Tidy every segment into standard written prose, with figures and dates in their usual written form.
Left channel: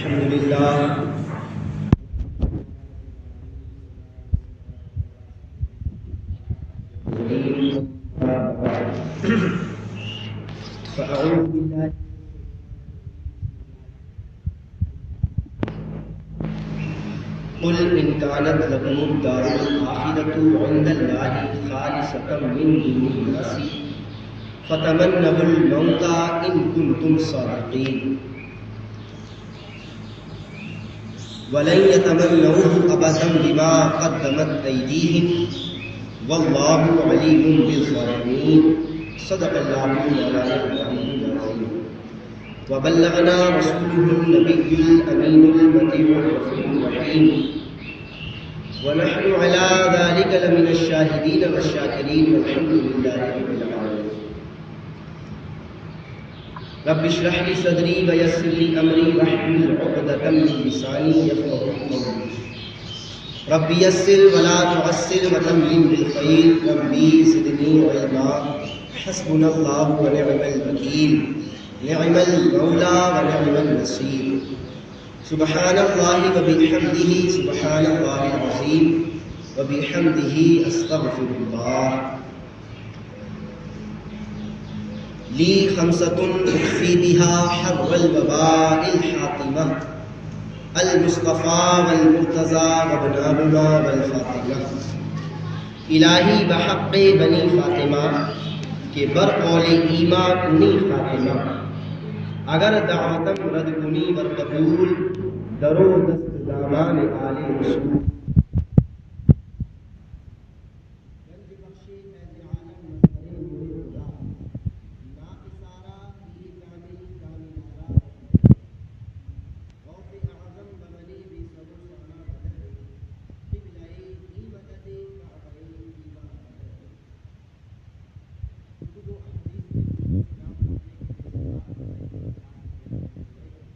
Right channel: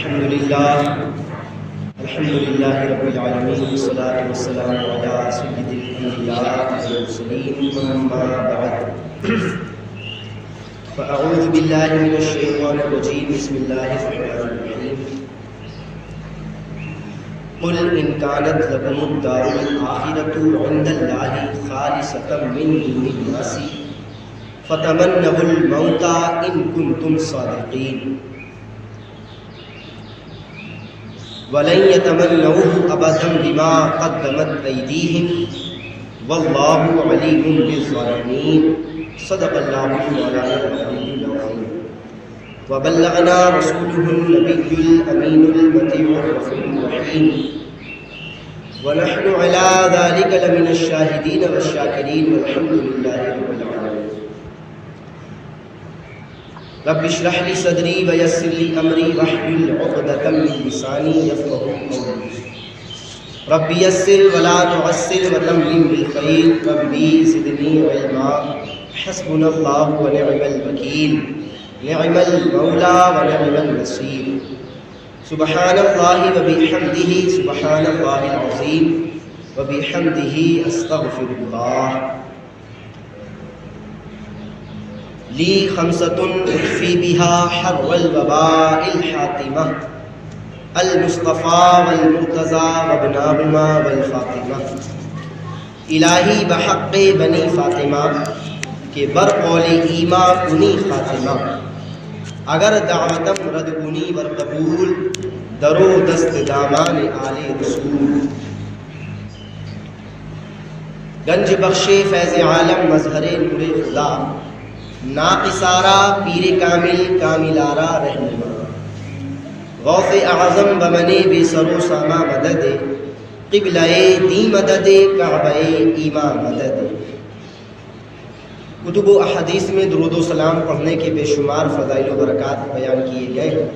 الحمد لله رب العالمين والصلاة والسلام على سيد الأنبياء والمرسلين أما بعد فأعوذ بالله من الشيطان الرجيم بسم الله الرحمن الرحيم قل إن كانت لكم الدار الآخرة عند الله خالصة من دون الناس فتمنوا الموت إن كنتم صادقين وَلَن يَتَمَنَّوْهُ أَبَدًا بِمَا قَدَّمَتْ أَيْدِيهِمْ وَاللَّهُ عَلِيمٌ بِالظَّالِمِينَ صدق الله مولانا العلي العظيم وبلغنا رسوله النبي الأمين المطيع الرفيع الرحيم ونحن على ذلك لمن الشاهدين والشاكرين والحمد لله رب العالمين رب اشرح لي صدري ويسر لي امري واحلل عقدة من لساني يفقهوا قولي رب يسر ولا تعسر وتمم بالخير ربي زدني علما حسبنا الله ونعم الوكيل نعم المولى ونعم النصير سبحان الله وبحمده سبحان الله العظيم وبحمده استغفر الله لی خمسۃ اخفی بها حر الوباء الحاتمہ المصطفیٰ والمرتضیٰ وابناہما والفاطمہ الہی بحق بنی فاطمہ کہ برقول ایما کنی خاتمہ اگر دعوتم رد کنی ورقبول درو دست دامان آل رسول گنج بخش فیض عالم مظہر نور خدا ناقصارا پیر کامل کاملارا رہنما غوث اعظم بمنے بے سرو ساما مدد قبلہ دی مدد کعبہ ایما مدد کتب و احادیث میں درود و سلام پڑھنے کے بے شمار فضائل و برکات بیان کیے گئے ہیں۔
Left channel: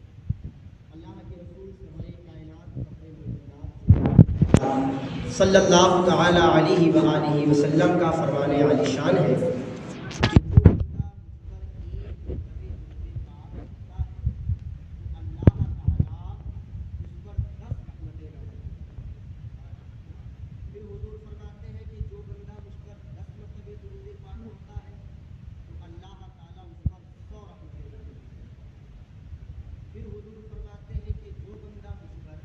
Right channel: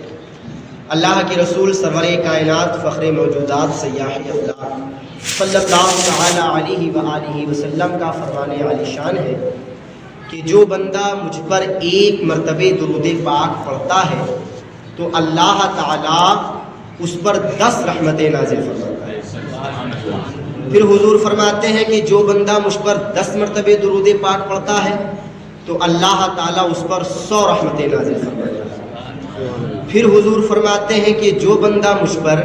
اللہ کے رسول سرور کائنات فخر موجودات سیاح افلاک صلی اللہ تعالی علیہ وآلہ وسلم کا فرمان عالی شان ہے کہ جو بندہ مجھ پر ایک مرتبہ درود پاک پڑھتا ہے تو اللہ تعالیٰ اس پر 10 رحمتیں نازل فرماتا ہے۔ پھر حضور فرماتے ہیں کہ جو بندہ مجھ پر 10 مرتبہ درود پاک پڑھتا ہے تو اللہ تعالیٰ اس پر 100 رحمتیں نازل فرماتا ہے۔ پھر حضور فرماتے ہیں کہ جو بندہ مجھ پر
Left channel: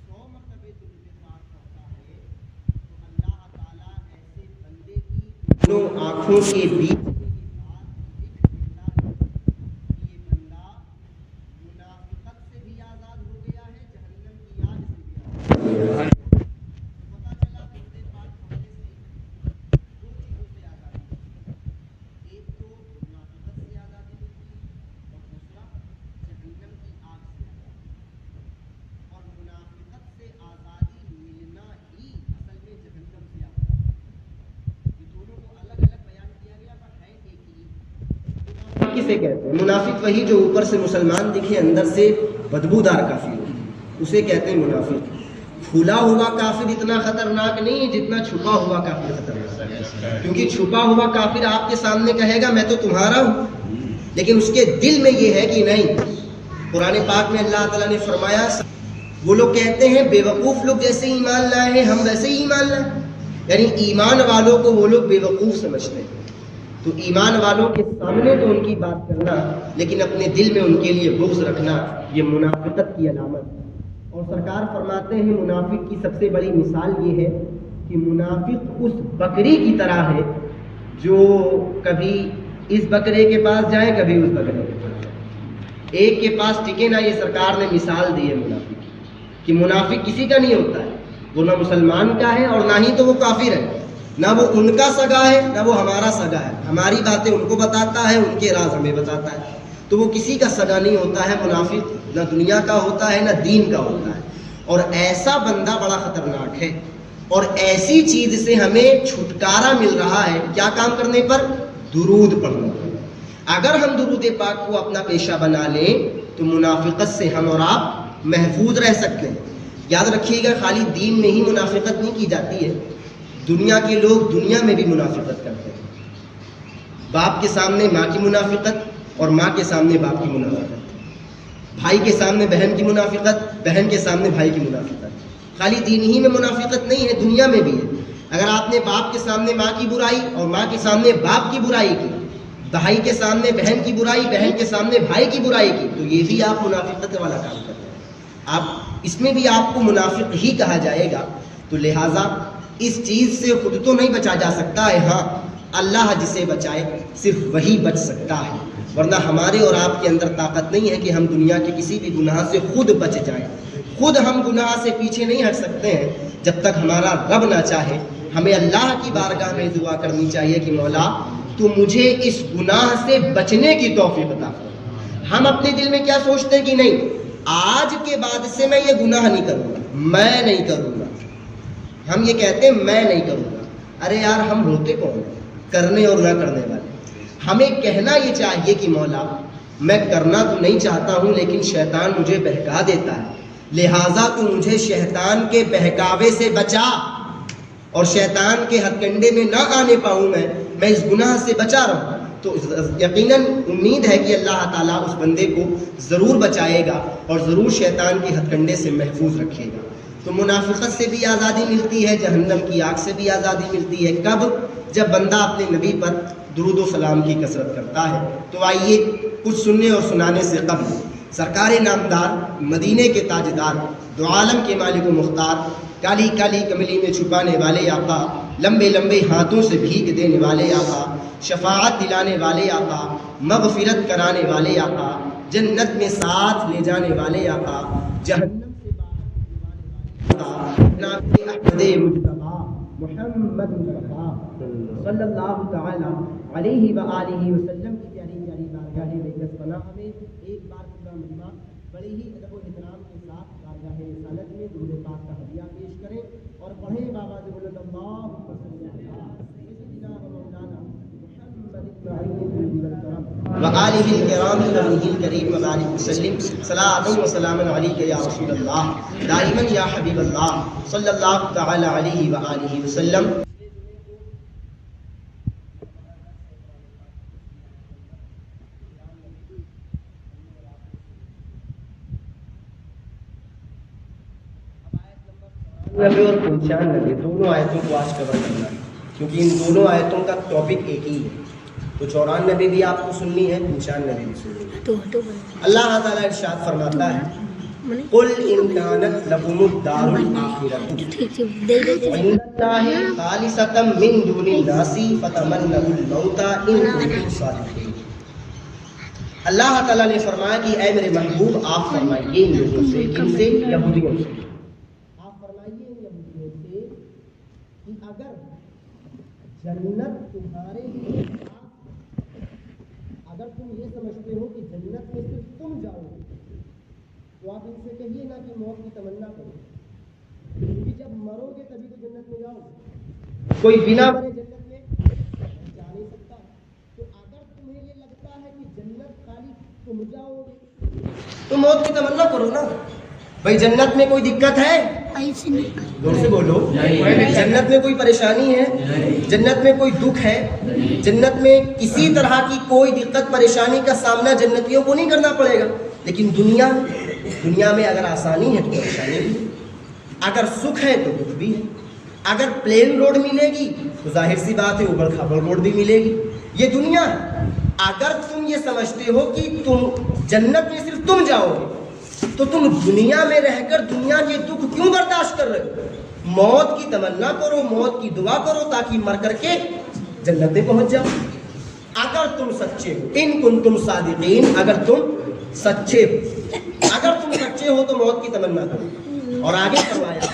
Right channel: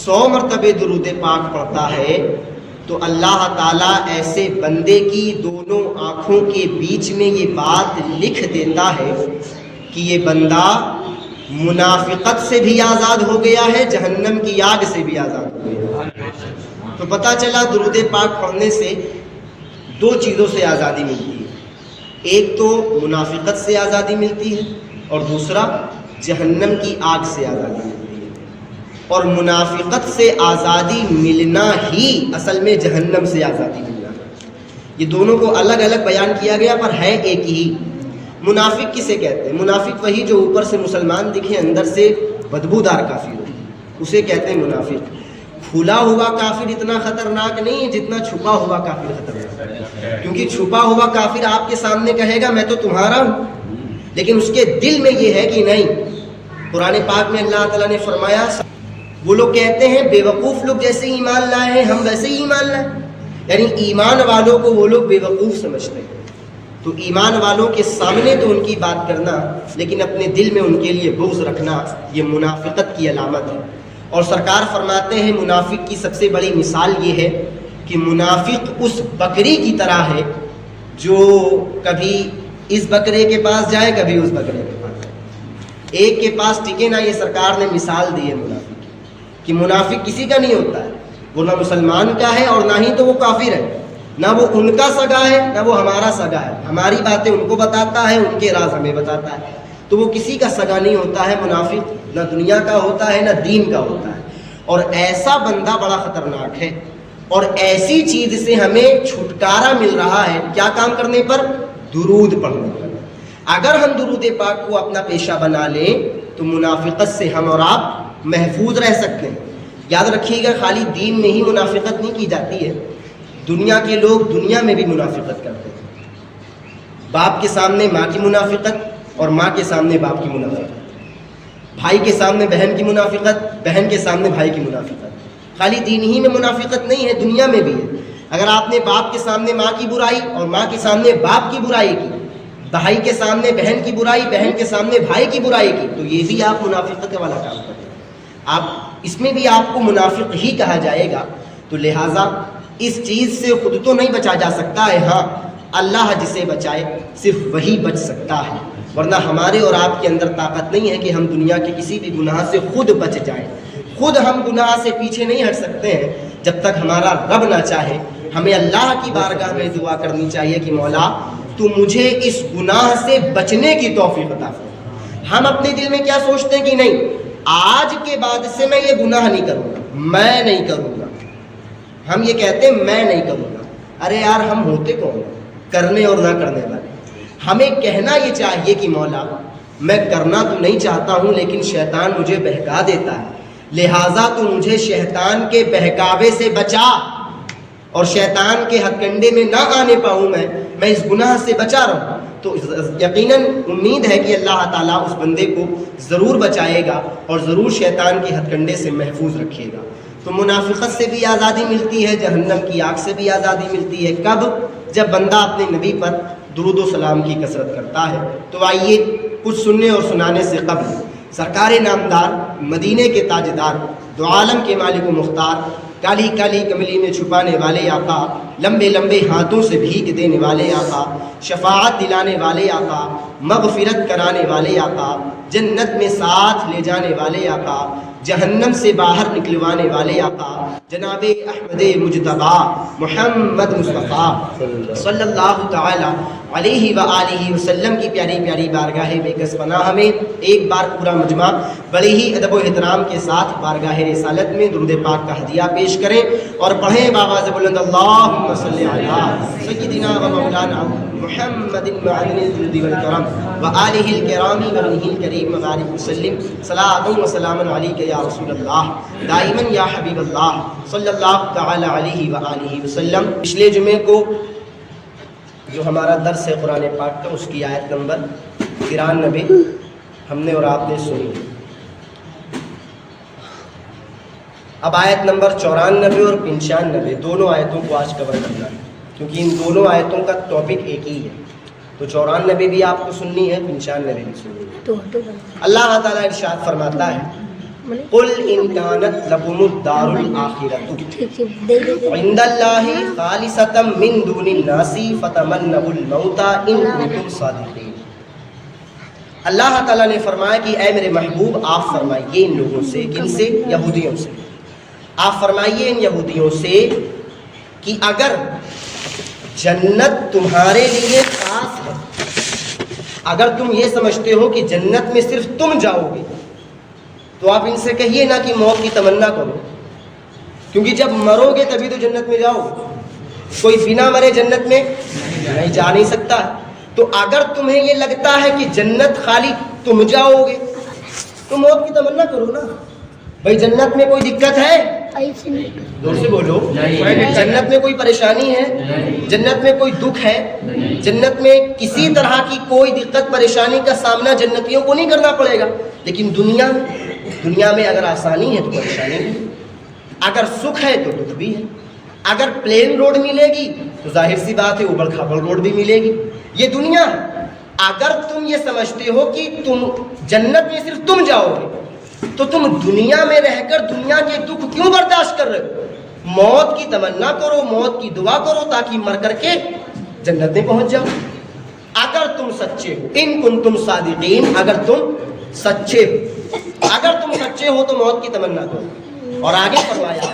100 مرتبہ درود پاک پڑھتا ہے تو اللہ تعالیٰ ایسے بندے کی دونوں آنکھوں کے بیچ میں یہ بات لکھ دیتا ہے کہ یہ بندہ منافقت سے بھی آزاد ہو گیا ہے، جہنم کی آگ سے بھی آزاد ہو گیا ہے۔ تو پتہ چلا درود پاک پڑھنے سے 2 چیزوں سے آزادی ملتی ہے، ایک تو منافقت سے آزادی ملتی ہے اور دوسرا جہنم کی آگ سے آزادی ملتی ہے۔ اور منافقت سے آزادی ملنا ہی اصل میں جہنم سے آزادی ملنا ہے۔ یہ دونوں کو الگ الگ بیان کیا گیا پر ہے ایک ہی۔ منافق کسے کہتے ہیں؟ منافق وہی جو اوپر سے مسلمان دکھے اندر سے بدبودار کافر ہو، اسے کہتے ہیں منافق۔ کھلا ہوا کافر اتنا خطرناک نہیں ہے جتنا چھپا ہوا کافر خطرناک ہے، کیونکہ چھپا ہوا کافر آپ کے سامنے کہے گا میں تو تمہارا ہوں، لیکن اس کے دل میں یہ ہے کہ نہیں۔ قرآن پاک میں اللہ تعالیٰ نے فرمایا وہ لوگ کہتے ہیں بے وقوف لوگ جیسے ایمان لائے ہیں ہم ویسے ہی ایمان لائے، یعنی ایمان والوں کو وہ لوگ بے وقوف سمجھتے ہیں۔ تو ایمان والوں کے سامنے تو ان کی بات کرنا لیکن اپنے دل میں ان کے لیے بغض رکھنا یہ منافقت کی علامت ہے۔ اور سرکار فرماتے ہیں منافق کی سب سے بڑی مثال یہ ہے کہ منافق اس بکری کی طرح ہے جو کبھی اس بکرے کے پاس جائے کبھی اس بکرے کے پاس جائے، ایک کے پاس ٹکے نہ۔ یہ سرکار نے مثال دی ہے منافق کہ منافق کسی کا نہیں ہوتا ہے، وہ نہ مسلمان کا ہے اور نہ ہی تو وہ کافر ہے، نہ وہ ان کا سگا ہے نہ وہ ہمارا سگا ہے، ہماری باتیں ان کو بتاتا ہے ان کے راز ہمیں بتاتا ہے، تو وہ کسی کا سگا نہیں ہوتا ہے۔ منافق نہ دنیا کا ہوتا ہے نہ دین کا ہوتا ہے، اور ایسا بندہ بڑا خطرناک ہے۔ اور ایسی چیز سے ہمیں چھٹکارا مل رہا ہے کیا کام کرنے پر؟ درود پڑھنے پر۔ اگر ہم درود پاک کو اپنا پیشہ بنا لیں تو منافقت سے ہم اور آپ محفوظ رہ سکتے ہیں۔ یاد رکھیے گا خالی دین میں ہی منافقت نہیں کی جاتی ہے، دنیا کے لوگ دنیا میں بھی منافقت کرتے ہیں۔ باپ کے سامنے ماں کی منافقت اور ماں کے سامنے باپ کی منافقت، بھائی کے سامنے بہن کی منافقت، بہن کے سامنے بھائی کی منافقت۔ خالی دین ہی میں منافقت نہیں ہے، دنیا میں بھی ہے۔ اگر آپ نے باپ کے سامنے ماں کی برائی اور ماں کے سامنے باپ کی برائی کی، بھائی کے سامنے بہن کی برائی، بہن کے سامنے بھائی کی برائی کی، تو یہ بھی آپ منافقت والا کام کر رہے ہیں، آپ اس میں بھی آپ کو منافق ہی کہا جائے گا۔ تو لہٰذا اس چیز سے خود تو نہیں بچا جا سکتا ہے، ہاں اللہ جسے بچائے صرف وہی بچ سکتا ہے، ورنہ ہمارے اور آپ کے اندر طاقت نہیں ہے کہ ہم دنیا کے کسی بھی گناہ سے خود بچ جائیں۔ خود ہم گناہ سے پیچھے نہیں ہٹ سکتے ہیں جب تک ہمارا رب نہ چاہے۔ ہمیں اللہ کی بارگاہ میں دعا کرنی چاہیے کہ مولا تو مجھے اس گناہ سے بچنے کی توفیق عطا فرما۔ ہم اپنے دل میں کیا سوچتے ہیں کہ نہیں آج کے بعد سے میں یہ گناہ نہیں کروں گا، میں نہیں کروں گا۔ ہم یہ کہتے ہیں میں نہیں کروں گا، ارے یار ہم ہوتے کون ہیں کرنے اور نہ کرنے والے؟ ہمیں کہنا یہ چاہیے کہ مولا میں کرنا تو نہیں چاہتا ہوں لیکن شیطان مجھے بہکا دیتا ہے، لہٰذا تو مجھے شیطان کے بہکاوے سے بچا اور شیطان کے ہتھ کنڈے میں نہ آنے پاؤں، میں اس گناہ سے بچا رہا ہوں۔ تو یقیناً امید ہے کہ اللہ تعالیٰ اس بندے کو ضرور بچائے گا اور ضرور شیطان کے ہتھ کنڈے سے محفوظ رکھے گا۔ تو منافقت سے بھی آزادی ملتی ہے، جہنم کی آگ سے بھی آزادی ملتی ہے۔ کب؟ جب بندہ اپنے نبی پر درود و سلام کی کثرت کرتا ہے۔ تو آئیے کچھ سننے اور سنانے سے قبل سرکار نامدار، مدینے کے تاجدار، دو عالم کے مالک و مختار، کالی کالی کملی میں چھپانے والے آقا، لمبے لمبے ہاتھوں سے بھیگ دینے والے آقا، شفاعت دلانے والے آقا، مغفرت کرانے والے آقا، جنت میں ساتھ لے جانے والے آقا، جہنم سے باہر نکلوانے والے آقا، جناب احمد مجتبیٰ محمد مصطفیٰ صلی اللہ تعالی علیہ وآلہ وسلم کی پیاری پیاری بارگاہ بےکس پناہ میں ایک بار پورا مجمع بڑے ہی ادب و احترام کے ساتھ بارگاہ رسالت میں درود پاک کا ہدیہ پیش کریں اور پڑھیں بآواز بلند اللہم صلی علی سیدنا و مولانا محمد معدن الجود والکرم وآلہ الکرام وابنہ الکریم وبارک وسلم صلاۃ و سلام علیک یا رسول اللہ دائما یا حبیب اللہ صلی اللہ تعالی علیہ وآلہ وسلم۔ پچھلے جمعے کو جو ہمارا درس ہے قرآن پاک کا، اس کی آیت نمبر 93 ہم نے اور آپ نے سنی۔ اب آیت نمبر 94 اور 95 دونوں آیتوں کو آج کور کرنا ہے، کیونکہ ان دونوں آیتوں کا ٹاپک ایک ہی ہے۔ تو 94 بھی آپ کو سننی ہے، 95 بھی سننی ہے۔ اللہ تعالیٰ ارشاد فرماتا ہے قل ان كانت لكم الدار الآخرة عند الله خالصة من دون الناس فتمنوا الموت ان كنتم صادقين۔ اللہ تعالیٰ نے فرمایا کہ اے میرے محبوب آپ فرمائیے ان لوگوں سے، کن سے؟ یہودیوں سے۔ آپ فرمائیے ان یہودیوں سے کہ اگر جنت تمہارے لیے خاص ہے، اگر تم یہ سمجھتے ہو کہ جنت میں صرف تم جاؤ گے، تو آپ ان سے کہیے نا کہ موت کی تمنا کرو، کیونکہ جب مرو گے تبھی تو جنت میں جاؤ گے، کوئی بنا مرے جنت میں نہیں جا نہیں سکتا۔ تو اگر تمہیں یہ لگتا ہے کہ جنت خالی تم جاؤ گے تو موت کی تمنا کرو نا۔ بھائی جنت میں کوئی دقت ہے؟ زور سے بولو، جنت میں کوئی پریشانی ہے؟ جنت میں کوئی دکھ ہے؟ جنت میں کسی طرح کی کوئی دقت پریشانی کا سامنا جنتیوں کو نہیں کرنا پڑے گا۔ لیکن دنیا میں اگر آسانی ہے تو پریشانی ہے، اگر سکھ ہے تو دکھ بھی ہے۔ اگر پلین روڈ ملے گی تو ظاہر سی بات ہے اوبڑ کھابڑ روڈ بھی ملے گی، یہ دنیا ہے۔ اگر تم یہ سمجھتے ہو کہ تم جنت میں صرف تم جاؤ گے تو تم دنیا میں رہ کر دنیا کے دکھ کیوں برداشت کر رہے ہو؟ موت کی تمنا کرو، موت کی دعا کرو تاکہ مر کر کے جنت میں پہنچ جاؤ۔ اگر تم سچے ہو، ان کنتم صادقین، اگر تم سچے ہو، اگر تم سچے ہو تو موت کی تمنا کرو۔ اور آگے فرمایا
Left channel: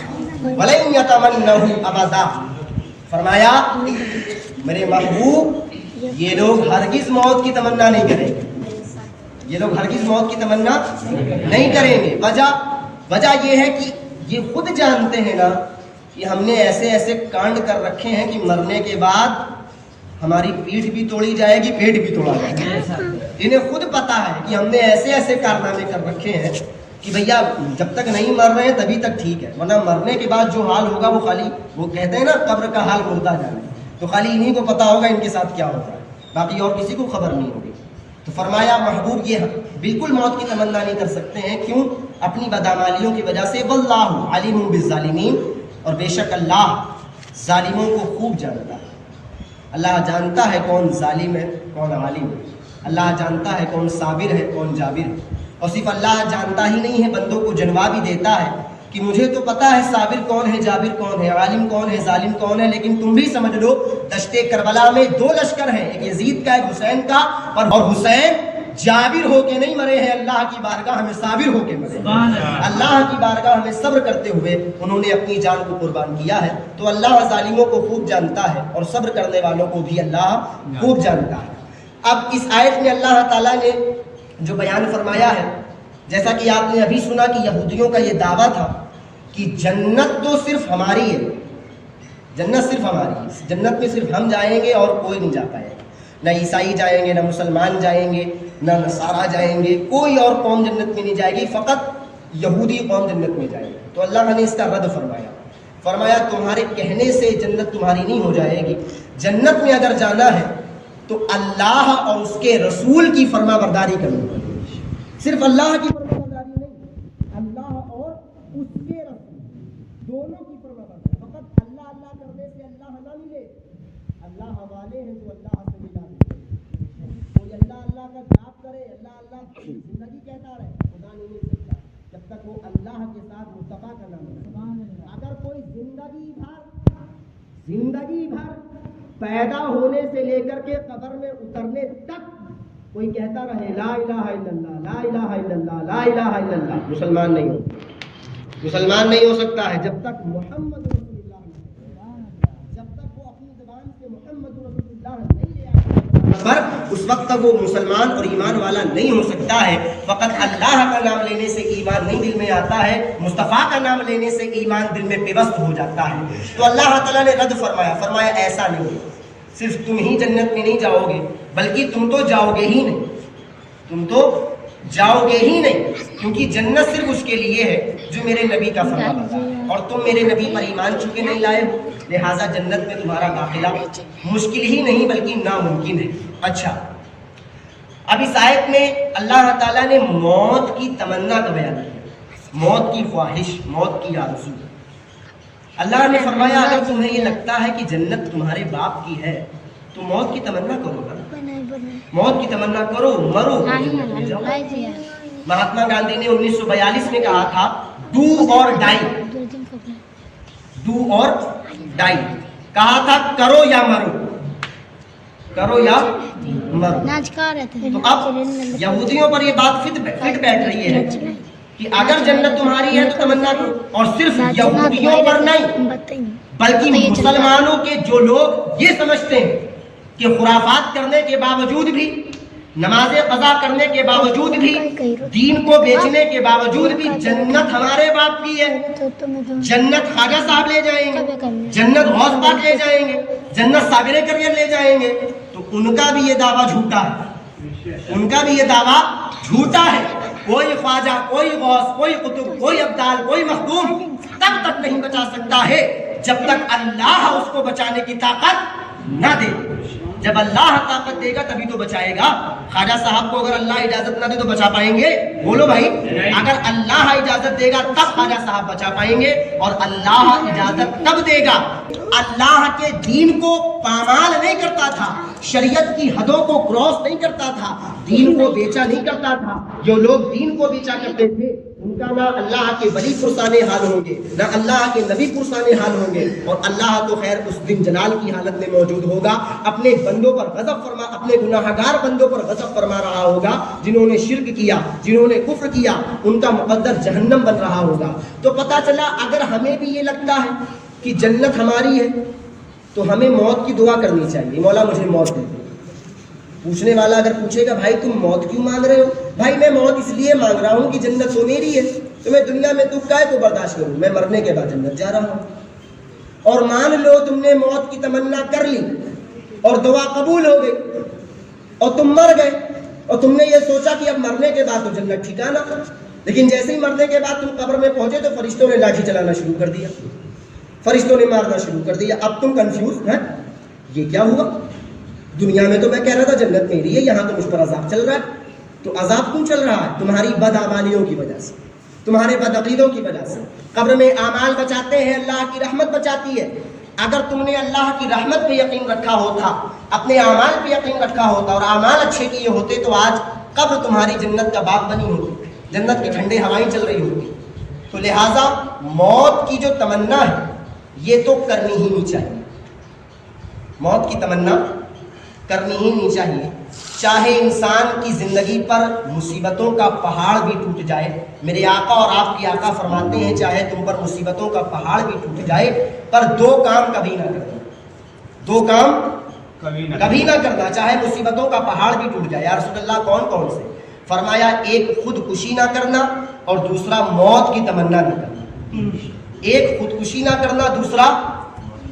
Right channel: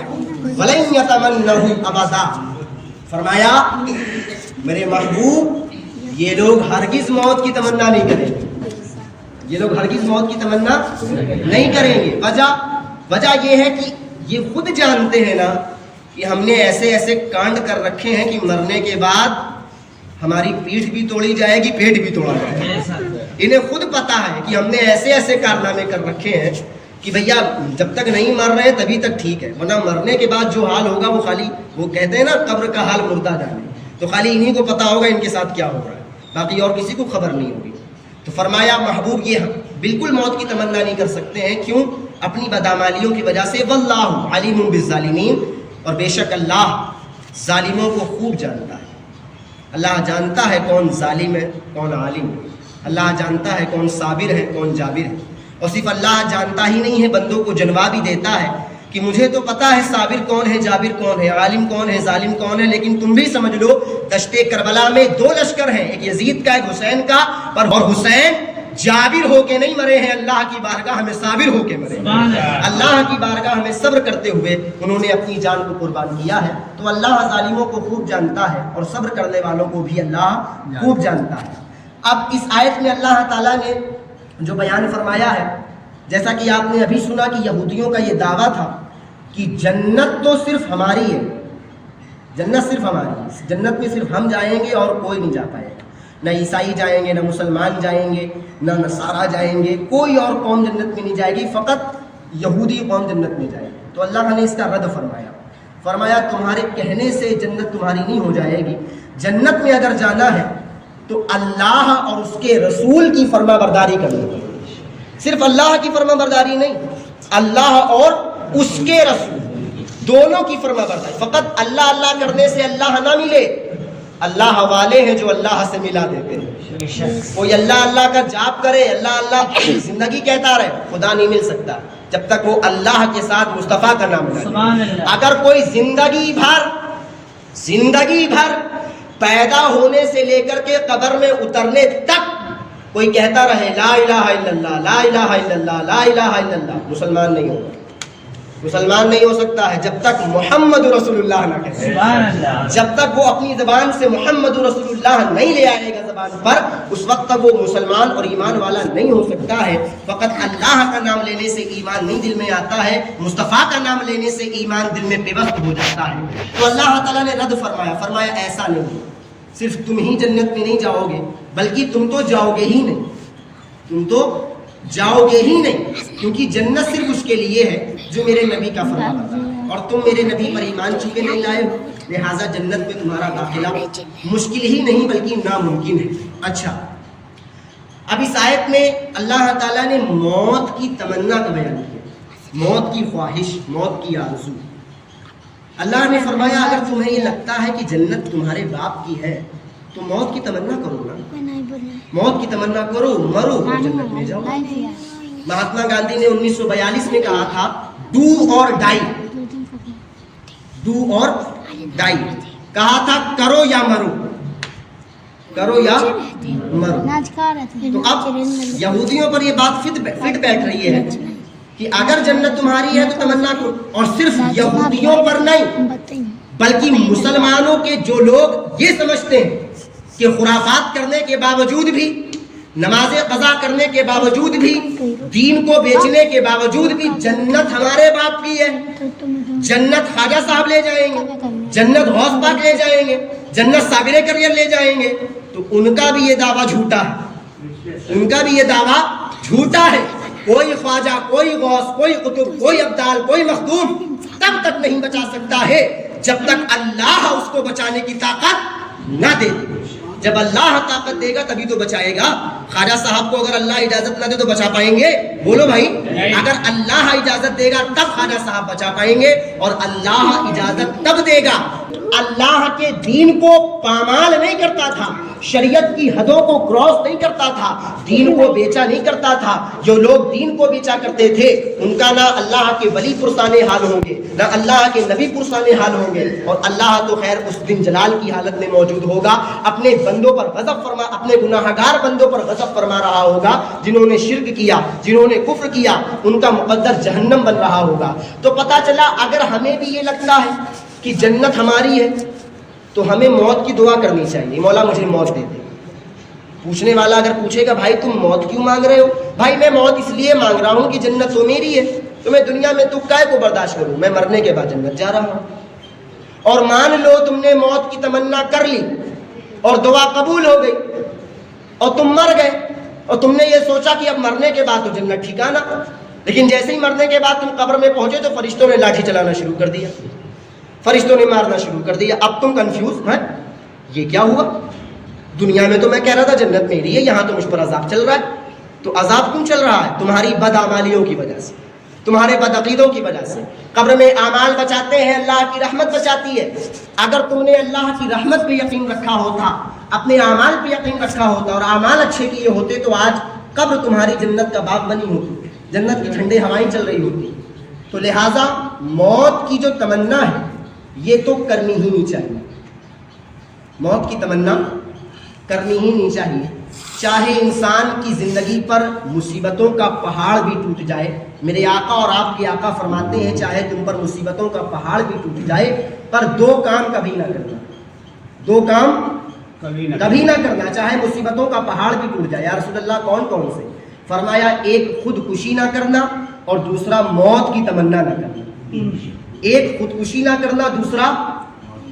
وَلَن يَتَمَنَّوْهُ أَبَدًا، فرمایا میرے محبوب یہ لوگ ہرگز موت کی تمنا نہیں کریں گے، یہ لوگ ہرگز موت کی تمنا نہیں کریں گے۔ وجہ یہ ہے کہ یہ خود جانتے ہیں نا کہ ہم نے ایسے ایسے کانڈ کر رکھے ہیں کہ مرنے کے بعد ہماری پیٹھ بھی توڑی جائے گی، پیٹ بھی توڑا جائے گا۔ انہیں خود پتا ہے کہ ہم نے ایسے ایسے کارنامے کر رکھے ہیں کہ بھیا جب تک نہیں مر رہے ہیں تبھی تک ٹھیک ہے، ورنہ مرنے کے بعد جو حال ہوگا وہ خالی، وہ کہتے ہیں نا قبر کا حال مردہ جانے، تو خالی انہی کو پتا ہوگا ان کے ساتھ کیا ہو رہا ہے، باقی اور کسی کو خبر نہیں ہوگی۔ تو فرمایا محبوب یہ بالکل موت کی تمنا نہیں کر سکتے ہیں. کیوں؟ اپنی بدعمالیوں کی وجہ سے. واللہ علیم بالظالمین، اور بے شک اللہ ظالموں کو خوب جانتا ہے. اللہ جانتا ہے کون ظالم ہے کون عالم ہے. اللہ جانتا ہے کون صابر ہے کون جابر ہے. اور صرف اللہ جانتا ہی نہیں ہے، بندوں کو جنوا بھی دیتا ہے کہ مجھے تو پتا ہے صابر کون ہے، جابر کون ہے، عالم کون ہے، ظالم کون ہے، لیکن تم بھی سمجھ لو دشت کربلا میں دو لشکر ہیں، ایک یزید کا ایک حسین کا، اور حسین جابر ہو کے نہیں مرے ہیں، اللہ کی بارگاہ میں صابر ہو کے مرے ہیں. اللہ کی بارگاہ میں صبر کرتے ہوئے انہوں نے اپنی جان کو قربان کیا ہے. تو اللہ ظالموں کو خوب جانتا ہے اور صبر کرنے والوں کو بھی اللہ خوب جانتا ہے. اب اس آیت میں اللہ تعالیٰ نے جو بیان فرمایا ہے، جیسا کہ آپ نے ابھی سنا کہ یہودیوں کا یہ دعویٰ تھا کہ جنت تو صرف ہماری ہے، جنت صرف ہماری ہے، جنت میں صرف ہم جائیں گے اور کوئی نہیں جا پائے گا. نہ عیسائی جائیں گے، نہ مسلمان جائیں گے، نہ نصارہ جائیں گے، کوئی اور قوم جنت میں نہیں جائے گی، فقط یہودی قوم جنت میں جائے گی. تو اللہ نے اس کا رد فرمایا تمہارے کہنے سے جنت تمہاری نہیں ہو جائے گی. جنت میں اگر جانا ہے تو اللہ اور اس کے رسول کی فرما برداری کرنی ہوگی. صرف اللہ کی فرما برداری نہیں، اللہ اور اس کے رسول دونوں کی فرما برداری. فقط اللہ اللہ کرنے سے اللہ نہ ملے. اللہ والے ہیں جو اللہ سے ملا دیتے ہیں. کوئی اللہ اللہ کا جاپ کرے، اللہ اللہ زندگی کہتا رہے، خدا نہیں مل سکتا جب تک وہ اللہ کے ساتھ مصطفیٰ کا نام لے. اگر کوئی زندگی بھر پیدا ہونے سے لے کر کے قبر میں اترنے تک کوئی کہتا رہے لا الہ الا اللہ، لا الہ الا اللہ، لا الہ الا اللہ، مسلمان نہیں ہوگا. مسلمان نہیں ہو سکتا ہے جب تک محمد رسول اللہ نہ کہے. جب تک وہ اپنی زبان سے محمد رسول اللہ نہیں لے آئے گا زبان پر، اس وقت تک وہ مسلمان اور ایمان والا نہیں ہو سکتا ہے. فقط اللہ کا نام لینے سے ایمان نہیں دل میں آتا ہے، مصطفیٰ کا نام لینے سے ایمان دل میں پیوست ہو جاتا ہے. تو اللہ تعالیٰ نے رد فرمایا ایسا نہیں ہے، صرف تم ہی جنت میں نہیں جاؤ گے، بلکہ تم تو جاؤ گے ہی نہیں، تم تو جاؤ گے ہی نہیں، کیونکہ جنت صرف اس کے لیے ہے جو میرے نبی کا فرما بردار ہے، اور تم میرے نبی پر ایمان چونکہ نہیں لائے ہو، لہٰذا جنت میں تمہارا داخلہ مشکل ہی نہیں بلکہ ناممکن ہے. اچھا، اب اس آیت میں اللہ تعالیٰ نے موت کی تمنا کا بیان کیا، موت کی خواہش، موت کی آرزو. اللہ نے فرمایا اگر تمہیں یہ لگتا ہے کہ جنت تمہارے باپ کی ہے تو موت کی تمنا کرو نا، موت کی تمنا کرو، مرو جنت میں جاؤ. مہاتما گاندھی نے 1942 میں کہا تھا ڈو اور ڈائی، ڈو اور ڈائی، کہا تھا کرو یا مرو، کرو یا مرو. تو اب یہودیوں پر یہ بات فٹ بیٹھ رہی ہے کہ اگر جنت تمہاری ہے تو تمنا کرو. اور صرف یہودیوں پر نہیں بلکہ مسلمانوں کے جو لوگ یہ سمجھتے ہیں کہ خرافات کرنے کے باوجود بھی، نماز قضا کرنے کے باوجود بھی، دین کو بیچنے کے باوجود بھی جنت ہمارے باپ کی ہے، جنت خواجہ صاحب لے جائیں گے، جنت غوث پاک لے جائیں گے، جنت صابر کریل لے جائیں گے، تو ان کا بھی یہ دعویٰ جھوٹا ہے، ان کا بھی یہ دعویٰ جھوٹا ہے. کوئی خواجہ، کوئی غوث، کوئی قطب، کوئی ابدال، کوئی مخدوم تب تک نہیں بچا سکتا ہے جب تک اللہ اس کو بچانے کی طاقت نہ دے. جب اللہ طاقت دے گا تبھی تو بچائے گا. خواجہ صاحب کو اگر اللہ اجازت نہ دے تو بچا پائیں گے؟ بولو بھائی، اگر اللہ اجازت دے گا تب خواجہ صاحب بچا پائیں گے، اور اللہ اجازت تب دے گا. اللہ کے دین کو پامال نہیں کرتا تھا، شریعت کی حدوں کو کراس نہیں کرتا تھا، دین کو بیچا نہیں کرتا تھا. جو لوگ دین کو بیچا کرتے تھے ان کا نہ اللہ کے ولی پرسان حال ہوں گے، نہ اللہ کے نبی پرسان حال ہوں گے، اور اللہ تو خیر اس دن جلال کی حالت میں موجود ہوگا، اپنے بندوں پر غضب فرما، اپنے گناہگار بندوں پر غضب فرما رہا ہوگا. جنہوں نے شرک کیا، جنہوں نے کفر کیا، ان کا مقدر جہنم بن رہا ہوگا. تو پتہ چلا اگر ہمیں بھی یہ لگتا ہے کہ جنت ہماری ہے تو ہمیں موت کی دعا کرنی چاہیے، مولا مجھے موت دے دے. پوچھنے والا اگر پوچھے گا بھائی تم موت کیوں مانگ رہے ہو؟ بھائی میں موت اس لیے مانگ رہا ہوں کہ جنت تو میری ہے، تو میں دنیا میں دکھ کائے کو برداشت کروں، میں مرنے کے بعد جنت جا رہا ہوں. اور مان لو تم نے موت کی تمنا کر لی اور دعا قبول ہو گئی اور تم مر گئے، اور تم نے یہ سوچا کہ اب مرنے کے بعد تو جنت ٹھکانا، لیکن جیسے ہی مرنے کے بعد تم قبر میں پہنچے تو فرشتوں نے لاٹھی چلانا شروع کر دیا، فرشتوں نے مارنا شروع کر دیا. اب تم کنفیوز ہیں یہ کیا ہوا؟ دنیا میں تو میں کہہ رہا تھا جنت میری ہے، یہاں تو مجھ پر عذاب چل رہا ہے. تو عذاب کیوں چل رہا ہے؟ تمہاری بدعمالیوں کی وجہ سے، تمہارے بدعقیدوں کی وجہ سے. قبر میں اعمال بچاتے ہیں، اللہ کی رحمت بچاتی ہے. اگر تم نے اللہ کی رحمت پہ یقین رکھا ہوتا، اپنے اعمال پہ یقین رکھا ہوتا اور اعمال اچھے کیے ہوتے تو آج قبر تمہاری جنت کا باغ بنی ہوتی، جنت کی ٹھنڈی ہوائیں چل رہی ہوتی. تو لہٰذا موت کی جو تمنا ہے یہ تو کرنی ہی نہیں چاہیے. موت کی تمنا کرنی ہی نہیں چاہیے. چاہے انسان کی زندگی پر مصیبتوں کا پہاڑ بھی ٹوٹ جائے. میرے آقا اور آپ کے آقا فرماتے ہیں چاہے تم پر مصیبتوں کا پہاڑ بھی ٹوٹ جائے پر دو کام کبھی نہ کرنا. دو کام کبھی نہ کرنا، چاہے مصیبتوں کا پہاڑ بھی ٹوٹ جائے. یا رسول اللہ کون کون سے؟ فرمایا ایک خودکشی نہ کرنا اور دوسرا موت کی تمنا نہ کرنا. ایک خودکشی نہ کرنا، دوسرا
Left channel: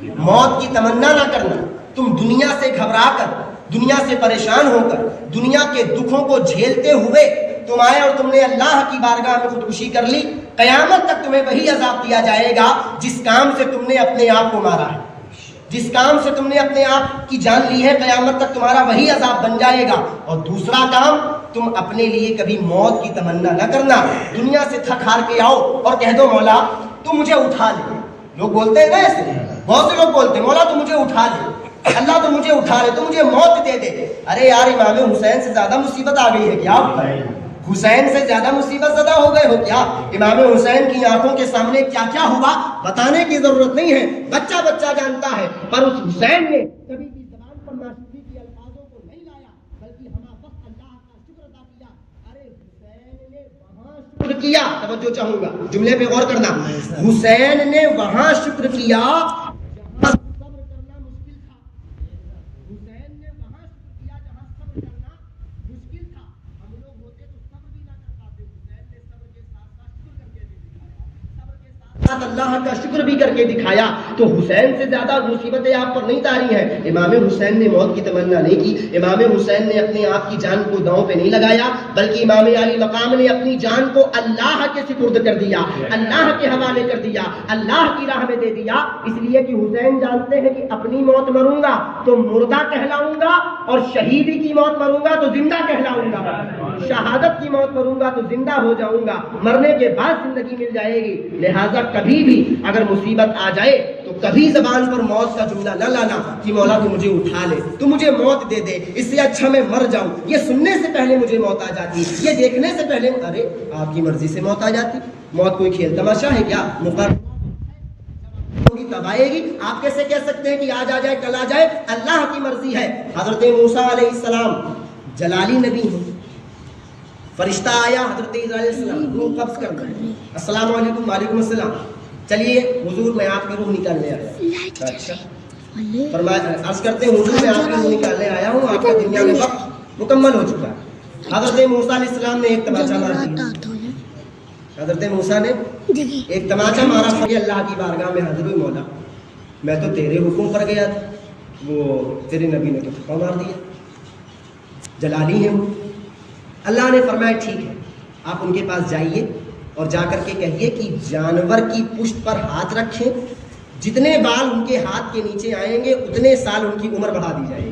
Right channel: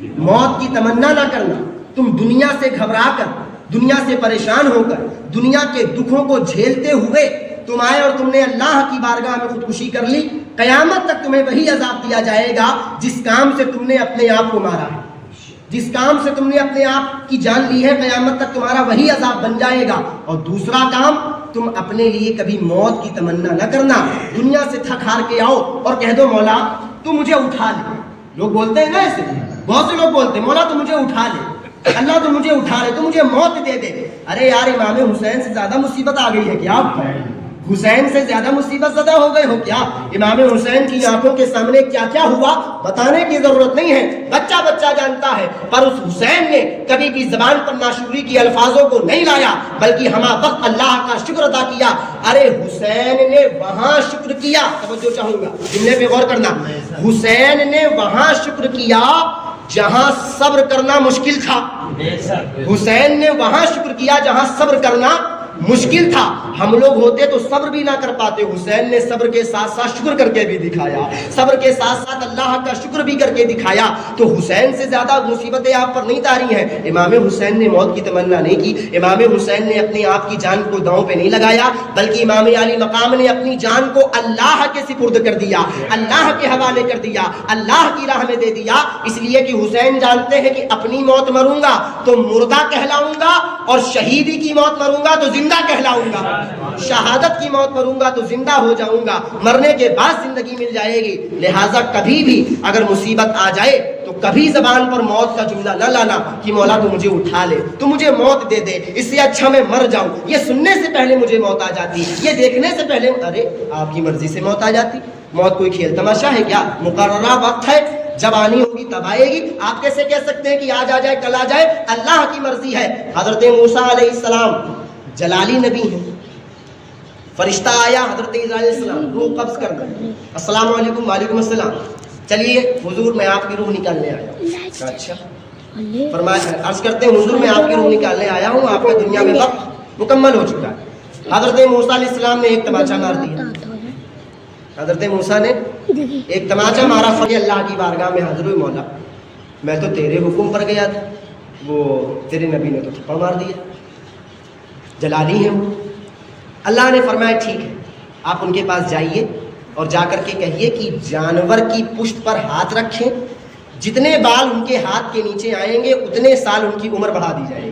موت کی تمنا نہ کرنا. تم دنیا سے گھبرا کر، دنیا سے پریشان ہو کر، دنیا کے دکھوں کو جھیلتے ہوئے تم آئے اور تم نے اللہ کی بارگاہ میں خودکشی کر لی، قیامت تک تمہیں وہی عذاب دیا جائے گا جس کام سے تم نے اپنے آپ کو مارا ہے. جس کام سے تم نے اپنے آپ کی جان لی ہے قیامت تک تمہارا وہی عذاب بن جائے گا. اور دوسرا کام، تم اپنے لیے کبھی موت کی تمنا نہ کرنا. دنیا سے تھک ہار کے آؤ اور کہہ دو مولا تو مجھے اٹھا لے. لوگ بولتے ہیں نا ایسے، بہت سے لوگ بولتے ہیں مولا تو مجھے اٹھا لے، اللہ تو مجھے اٹھا لے، تو مجھے موت دے دے. ارے یار امام حسین سے زیادہ مصیبت آ گئی ہے کیا؟ حسین سے زیادہ مصیبت زدہ ہو گئے ہو کیا؟ امام حسین کی آنکھوں کے سامنے کیا کیا ہوا بتانے کی ضرورت نہیں ہے، بچہ بچہ جانتا ہے. پر اس حسین نے کبھی بھی زبان پر ناشکری کی الفاظوں کو نہیں لایا بلکہ ہمہ وقت اللہ کا شکر ادا کیا. ارے حسین نے وہاں شکر کیا، توجہ چاہوں گا جملے پہ غور کرنا، حسین نے وہاں شکر کیا جہاں صبر کرنا مشکل تھا. حسین نے وہاں شکر کیا جہاں صبر کرنا مشکل تھا. ہم لوگ ہوتے تو صبر بھی نہ کر پاتے. حسین نے صبر کے ساتھ ساتھ شکر کر کے بھی دکھایا، صبر کے ساتھ ساتھ اللہ کا شکر بھی کر کے دکھایا. تو حسین سے زیادہ مصیبتیں آپ پر نہیں تاری ہیں. امام حسین نے موت کی تمنا نہیں کی. امام حسین نے اپنے آپ کی جان کو داؤں پہ نہیں لگایا بلکہ امام علی مقام نے اپنی جان کو اللہ کے سپرد کر دیا، اللہ کے حوالے کر دیا، اللہ کی راہ میں دے دیا. اس لیے کہ حسین جانتے ہیں کہ اپنی موت مروں گا تو مردہ کہلاؤں گا اور شہیدی کی موت مروں گا تو زندہ کہلاؤں گا، شہادت کی موت مروں گا تو زندہ ہو جاؤں گا، مرنے کے بعد زندگی مل جائے گی. لہٰذا کبھی بھی اگر مصیبت آ جائے تو کبھی زبان پر موت کا جملہ نہ لانا کہ مولا تو مجھے اٹھا لے، تو مجھے موت دے دے، اس سے اچھا میں مر جاؤں. یہ سننے سے پہلے مجھے موت آ جاتی، یہ دیکھنے سے پہلے ارے آپ کی مرضی سے موت آ جاتی. موت کوئی کھیل تماشا ہے کیا؟ مقررہ وقت ہے، جب آنی ہوگی تب آئے گی. آپ کیسے کہہ سکتے ہیں کہ آج آ جائے کل آ جائے؟ اللہ کی مرضی ہے. حضرت موسیٰ علیہ السلام جلالی نبی ہیں، فرشتہ آیا حضرت عیسیٰ علیہ السلام روح قبض کر دیں، السلام علیکم وعلیکم السلام، چلیے حضور میں آپ کی روح نکالنے آیا ہوں. اچھا فرمایا، عرض کرتے ہیں حضور میں آپ کی روح نکالنے آیا ہوں، آپ کا دنیا میں وقت مکمل ہو چکا ہے. حضرت موسیٰ علیہ السلام نے ایک تماچا مار دیا. حضرت موسیٰ نے ایک تماچا مارا، فقی اللہ کی بارگاہ میں حضور مولا میں تو تیرے حکم پر گیا تھا، وہ تیرے نبی نے تو تھپڑ مار دیا. جلالی ہیں وہ. اللہ نے فرمایا ٹھیک ہے آپ ان کے پاس جائیے اور جا کر کے کہیے کہ جانور کی پشت پر ہاتھ رکھیں، جتنے بال ان کے ہاتھ کے نیچے آئیں گے اتنے سال ان کی عمر بڑھا دی جائے گی.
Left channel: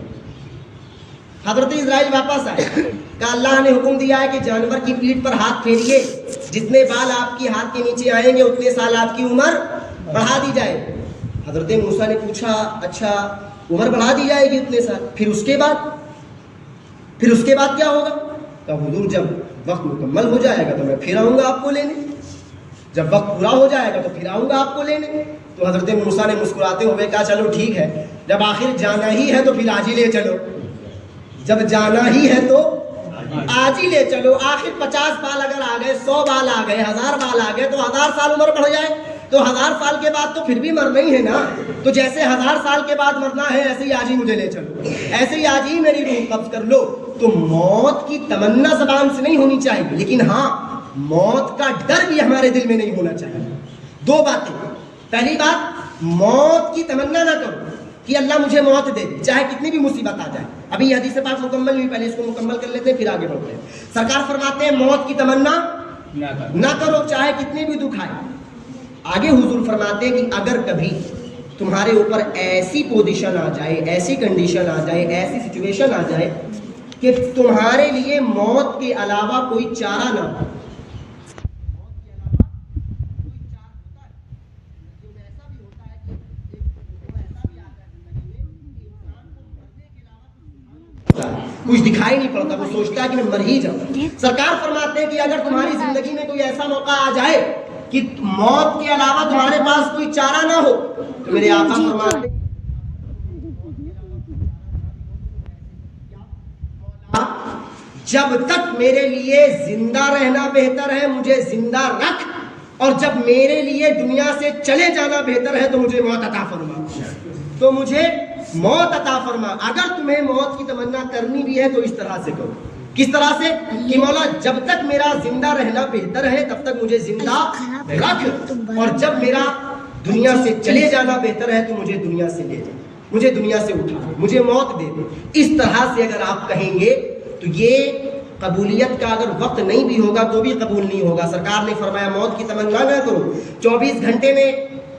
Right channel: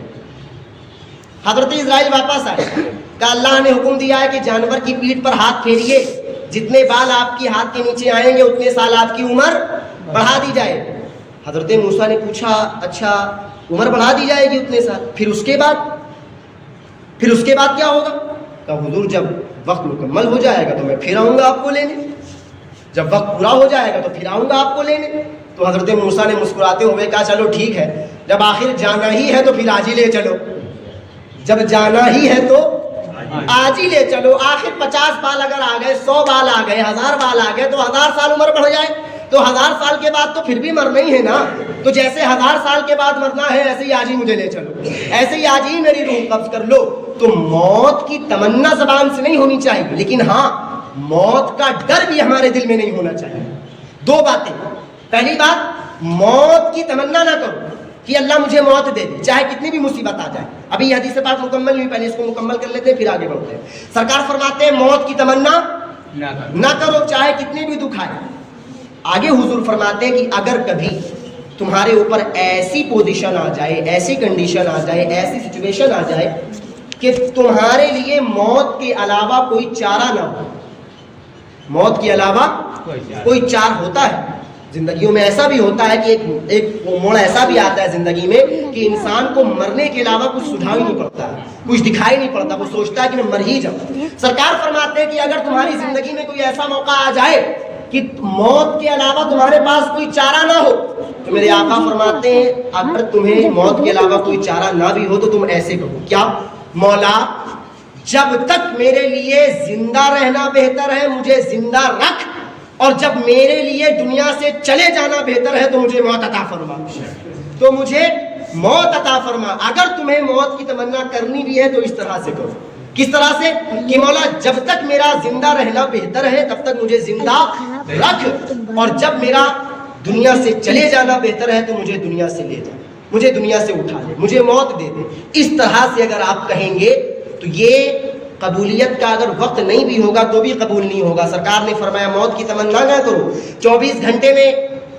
حضرت اسرائیل واپس آئے کہ اللہ نے حکم دیا ہے کہ جانور کی پیٹھ پر ہاتھ پھیریے، جتنے بال آپ کے ہاتھ کے نیچے آئیں گے اتنے سال آپ کی عمر بڑھا دی جائے. حضرت موسیٰ نے پوچھا اچھا عمر بڑھا دی جائے گی اتنے سال، پھر اس کے بعد کیا ہوگا؟ کہ حضور جب وقت مکمل ہو جائے گا تو میں پھر آؤں گا آپ کو لینے، جب وقت پورا ہو جائے گا تو پھر آؤں گا آپ کو لینے. تو حضرت موسیٰ نے مسکراتے ہوئے کہا چلو ٹھیک ہے، جب آخر جانا ہی ہے تو پھر آج ہی لے چلو، جب جانا ہی ہے تو آج ہی لے چلو. آخر 50 بال اگر آ گئے، 100 بال آ گئے، 1000 بال آ گئے تو 1000 سال عمر بڑھ جائے تو 1000 سال کے بعد تو پھر بھی مرنا ہی ہے نا. تو جیسے 1000 سال کے بعد مرنا ہے ایسے ہی آج ہی مجھے لے چلو، ایسے ہی آج ہی میری روح قبض کر لو. تو موت کی تمنا زبان سے نہیں ہونی چاہیے، لیکن ہاں موت کا ڈر بھی ہمارے دل میں نہیں ہونا چاہیے. دو باتیں، پہلی بات موت کی تمنا نہ کرو کہ اللہ مجھے موت دے دے چاہے کتنی بھی مصیبت آ جائے. ابھی یہ حدیث پاک مکمل نہیں، پہلے اس کو مکمل کر لیتے ہیں پھر آگے بڑھتے ہیں. سرکار فرماتے ہیں موت کی تمنا نہ کرو چاہے کتنی بھی دکھ آئے. آگے حضور فرماتے ہیں کہ اگر کبھی تمہارے اوپر ایسی پوزیشن آ جائے, ایسی کنڈیشن آ جائے, ایسی سچویشن آ جائے کہ تمہارے لیے موت کے علاوہ کوئی چارہ نہ ہو. موت کے علاوہ کوئی چارہ ہوتا ہے زندگیوں میں, ایسا بھی ہوتا ہے کہ ایک موڑ ایسا بھی آتا ہے زندگی میں کہ انسان کو مرنے کے علاوہ کچھ سجھاؤ ہی نہیں پڑتا ہے, کچھ دکھائی نہیں پڑتا, وہ سوچتا ہے کہ میں مر ہی جاؤں. سرکار فرماتے ہیں کہ اگر تمہاری زندگی میں کوئی ایسا موقع آ جائے کہ موت کے علاوہ تمہارے پاس کوئی چارہ نہ ہو, تو میرے آقا فرماتے ہیں اگر تمہیں موت کے علاوہ کوئی چارہ نہ بھی ہو تو تم ایسے کہو, کیا مولا جب تک میرے لیے زندہ رہنا بہتر ہے مجھے زندہ رکھ, اور جب میرے لیے دنیا سے چلے جانا بہتر ہے تو مجھے موت عطا فرما, تو مجھے موت عطا فرما. اگر تمہیں موت کی تمنا کرنی بھی ہے تو اس طرح سے کرو. کس طرح سے؟ کہ مولا جب تک میرا زندہ رہنا بہتر ہے تب تک مجھے زندہ رکھ, اور جب میرا دنیا سے چلے جانا بہتر ہے تو مجھے دنیا سے لے جا, مجھے دنیا سے اٹھا لے, مجھے موت دے دے. اس طرح سے اگر آپ کہیں گے تو یہ قبولیت کا اگر وقت نہیں بھی ہوگا تو بھی قبول نہیں ہوگا. سرکار نے فرمایا موت کی تمنا نہ کرو. 24 گھنٹے میں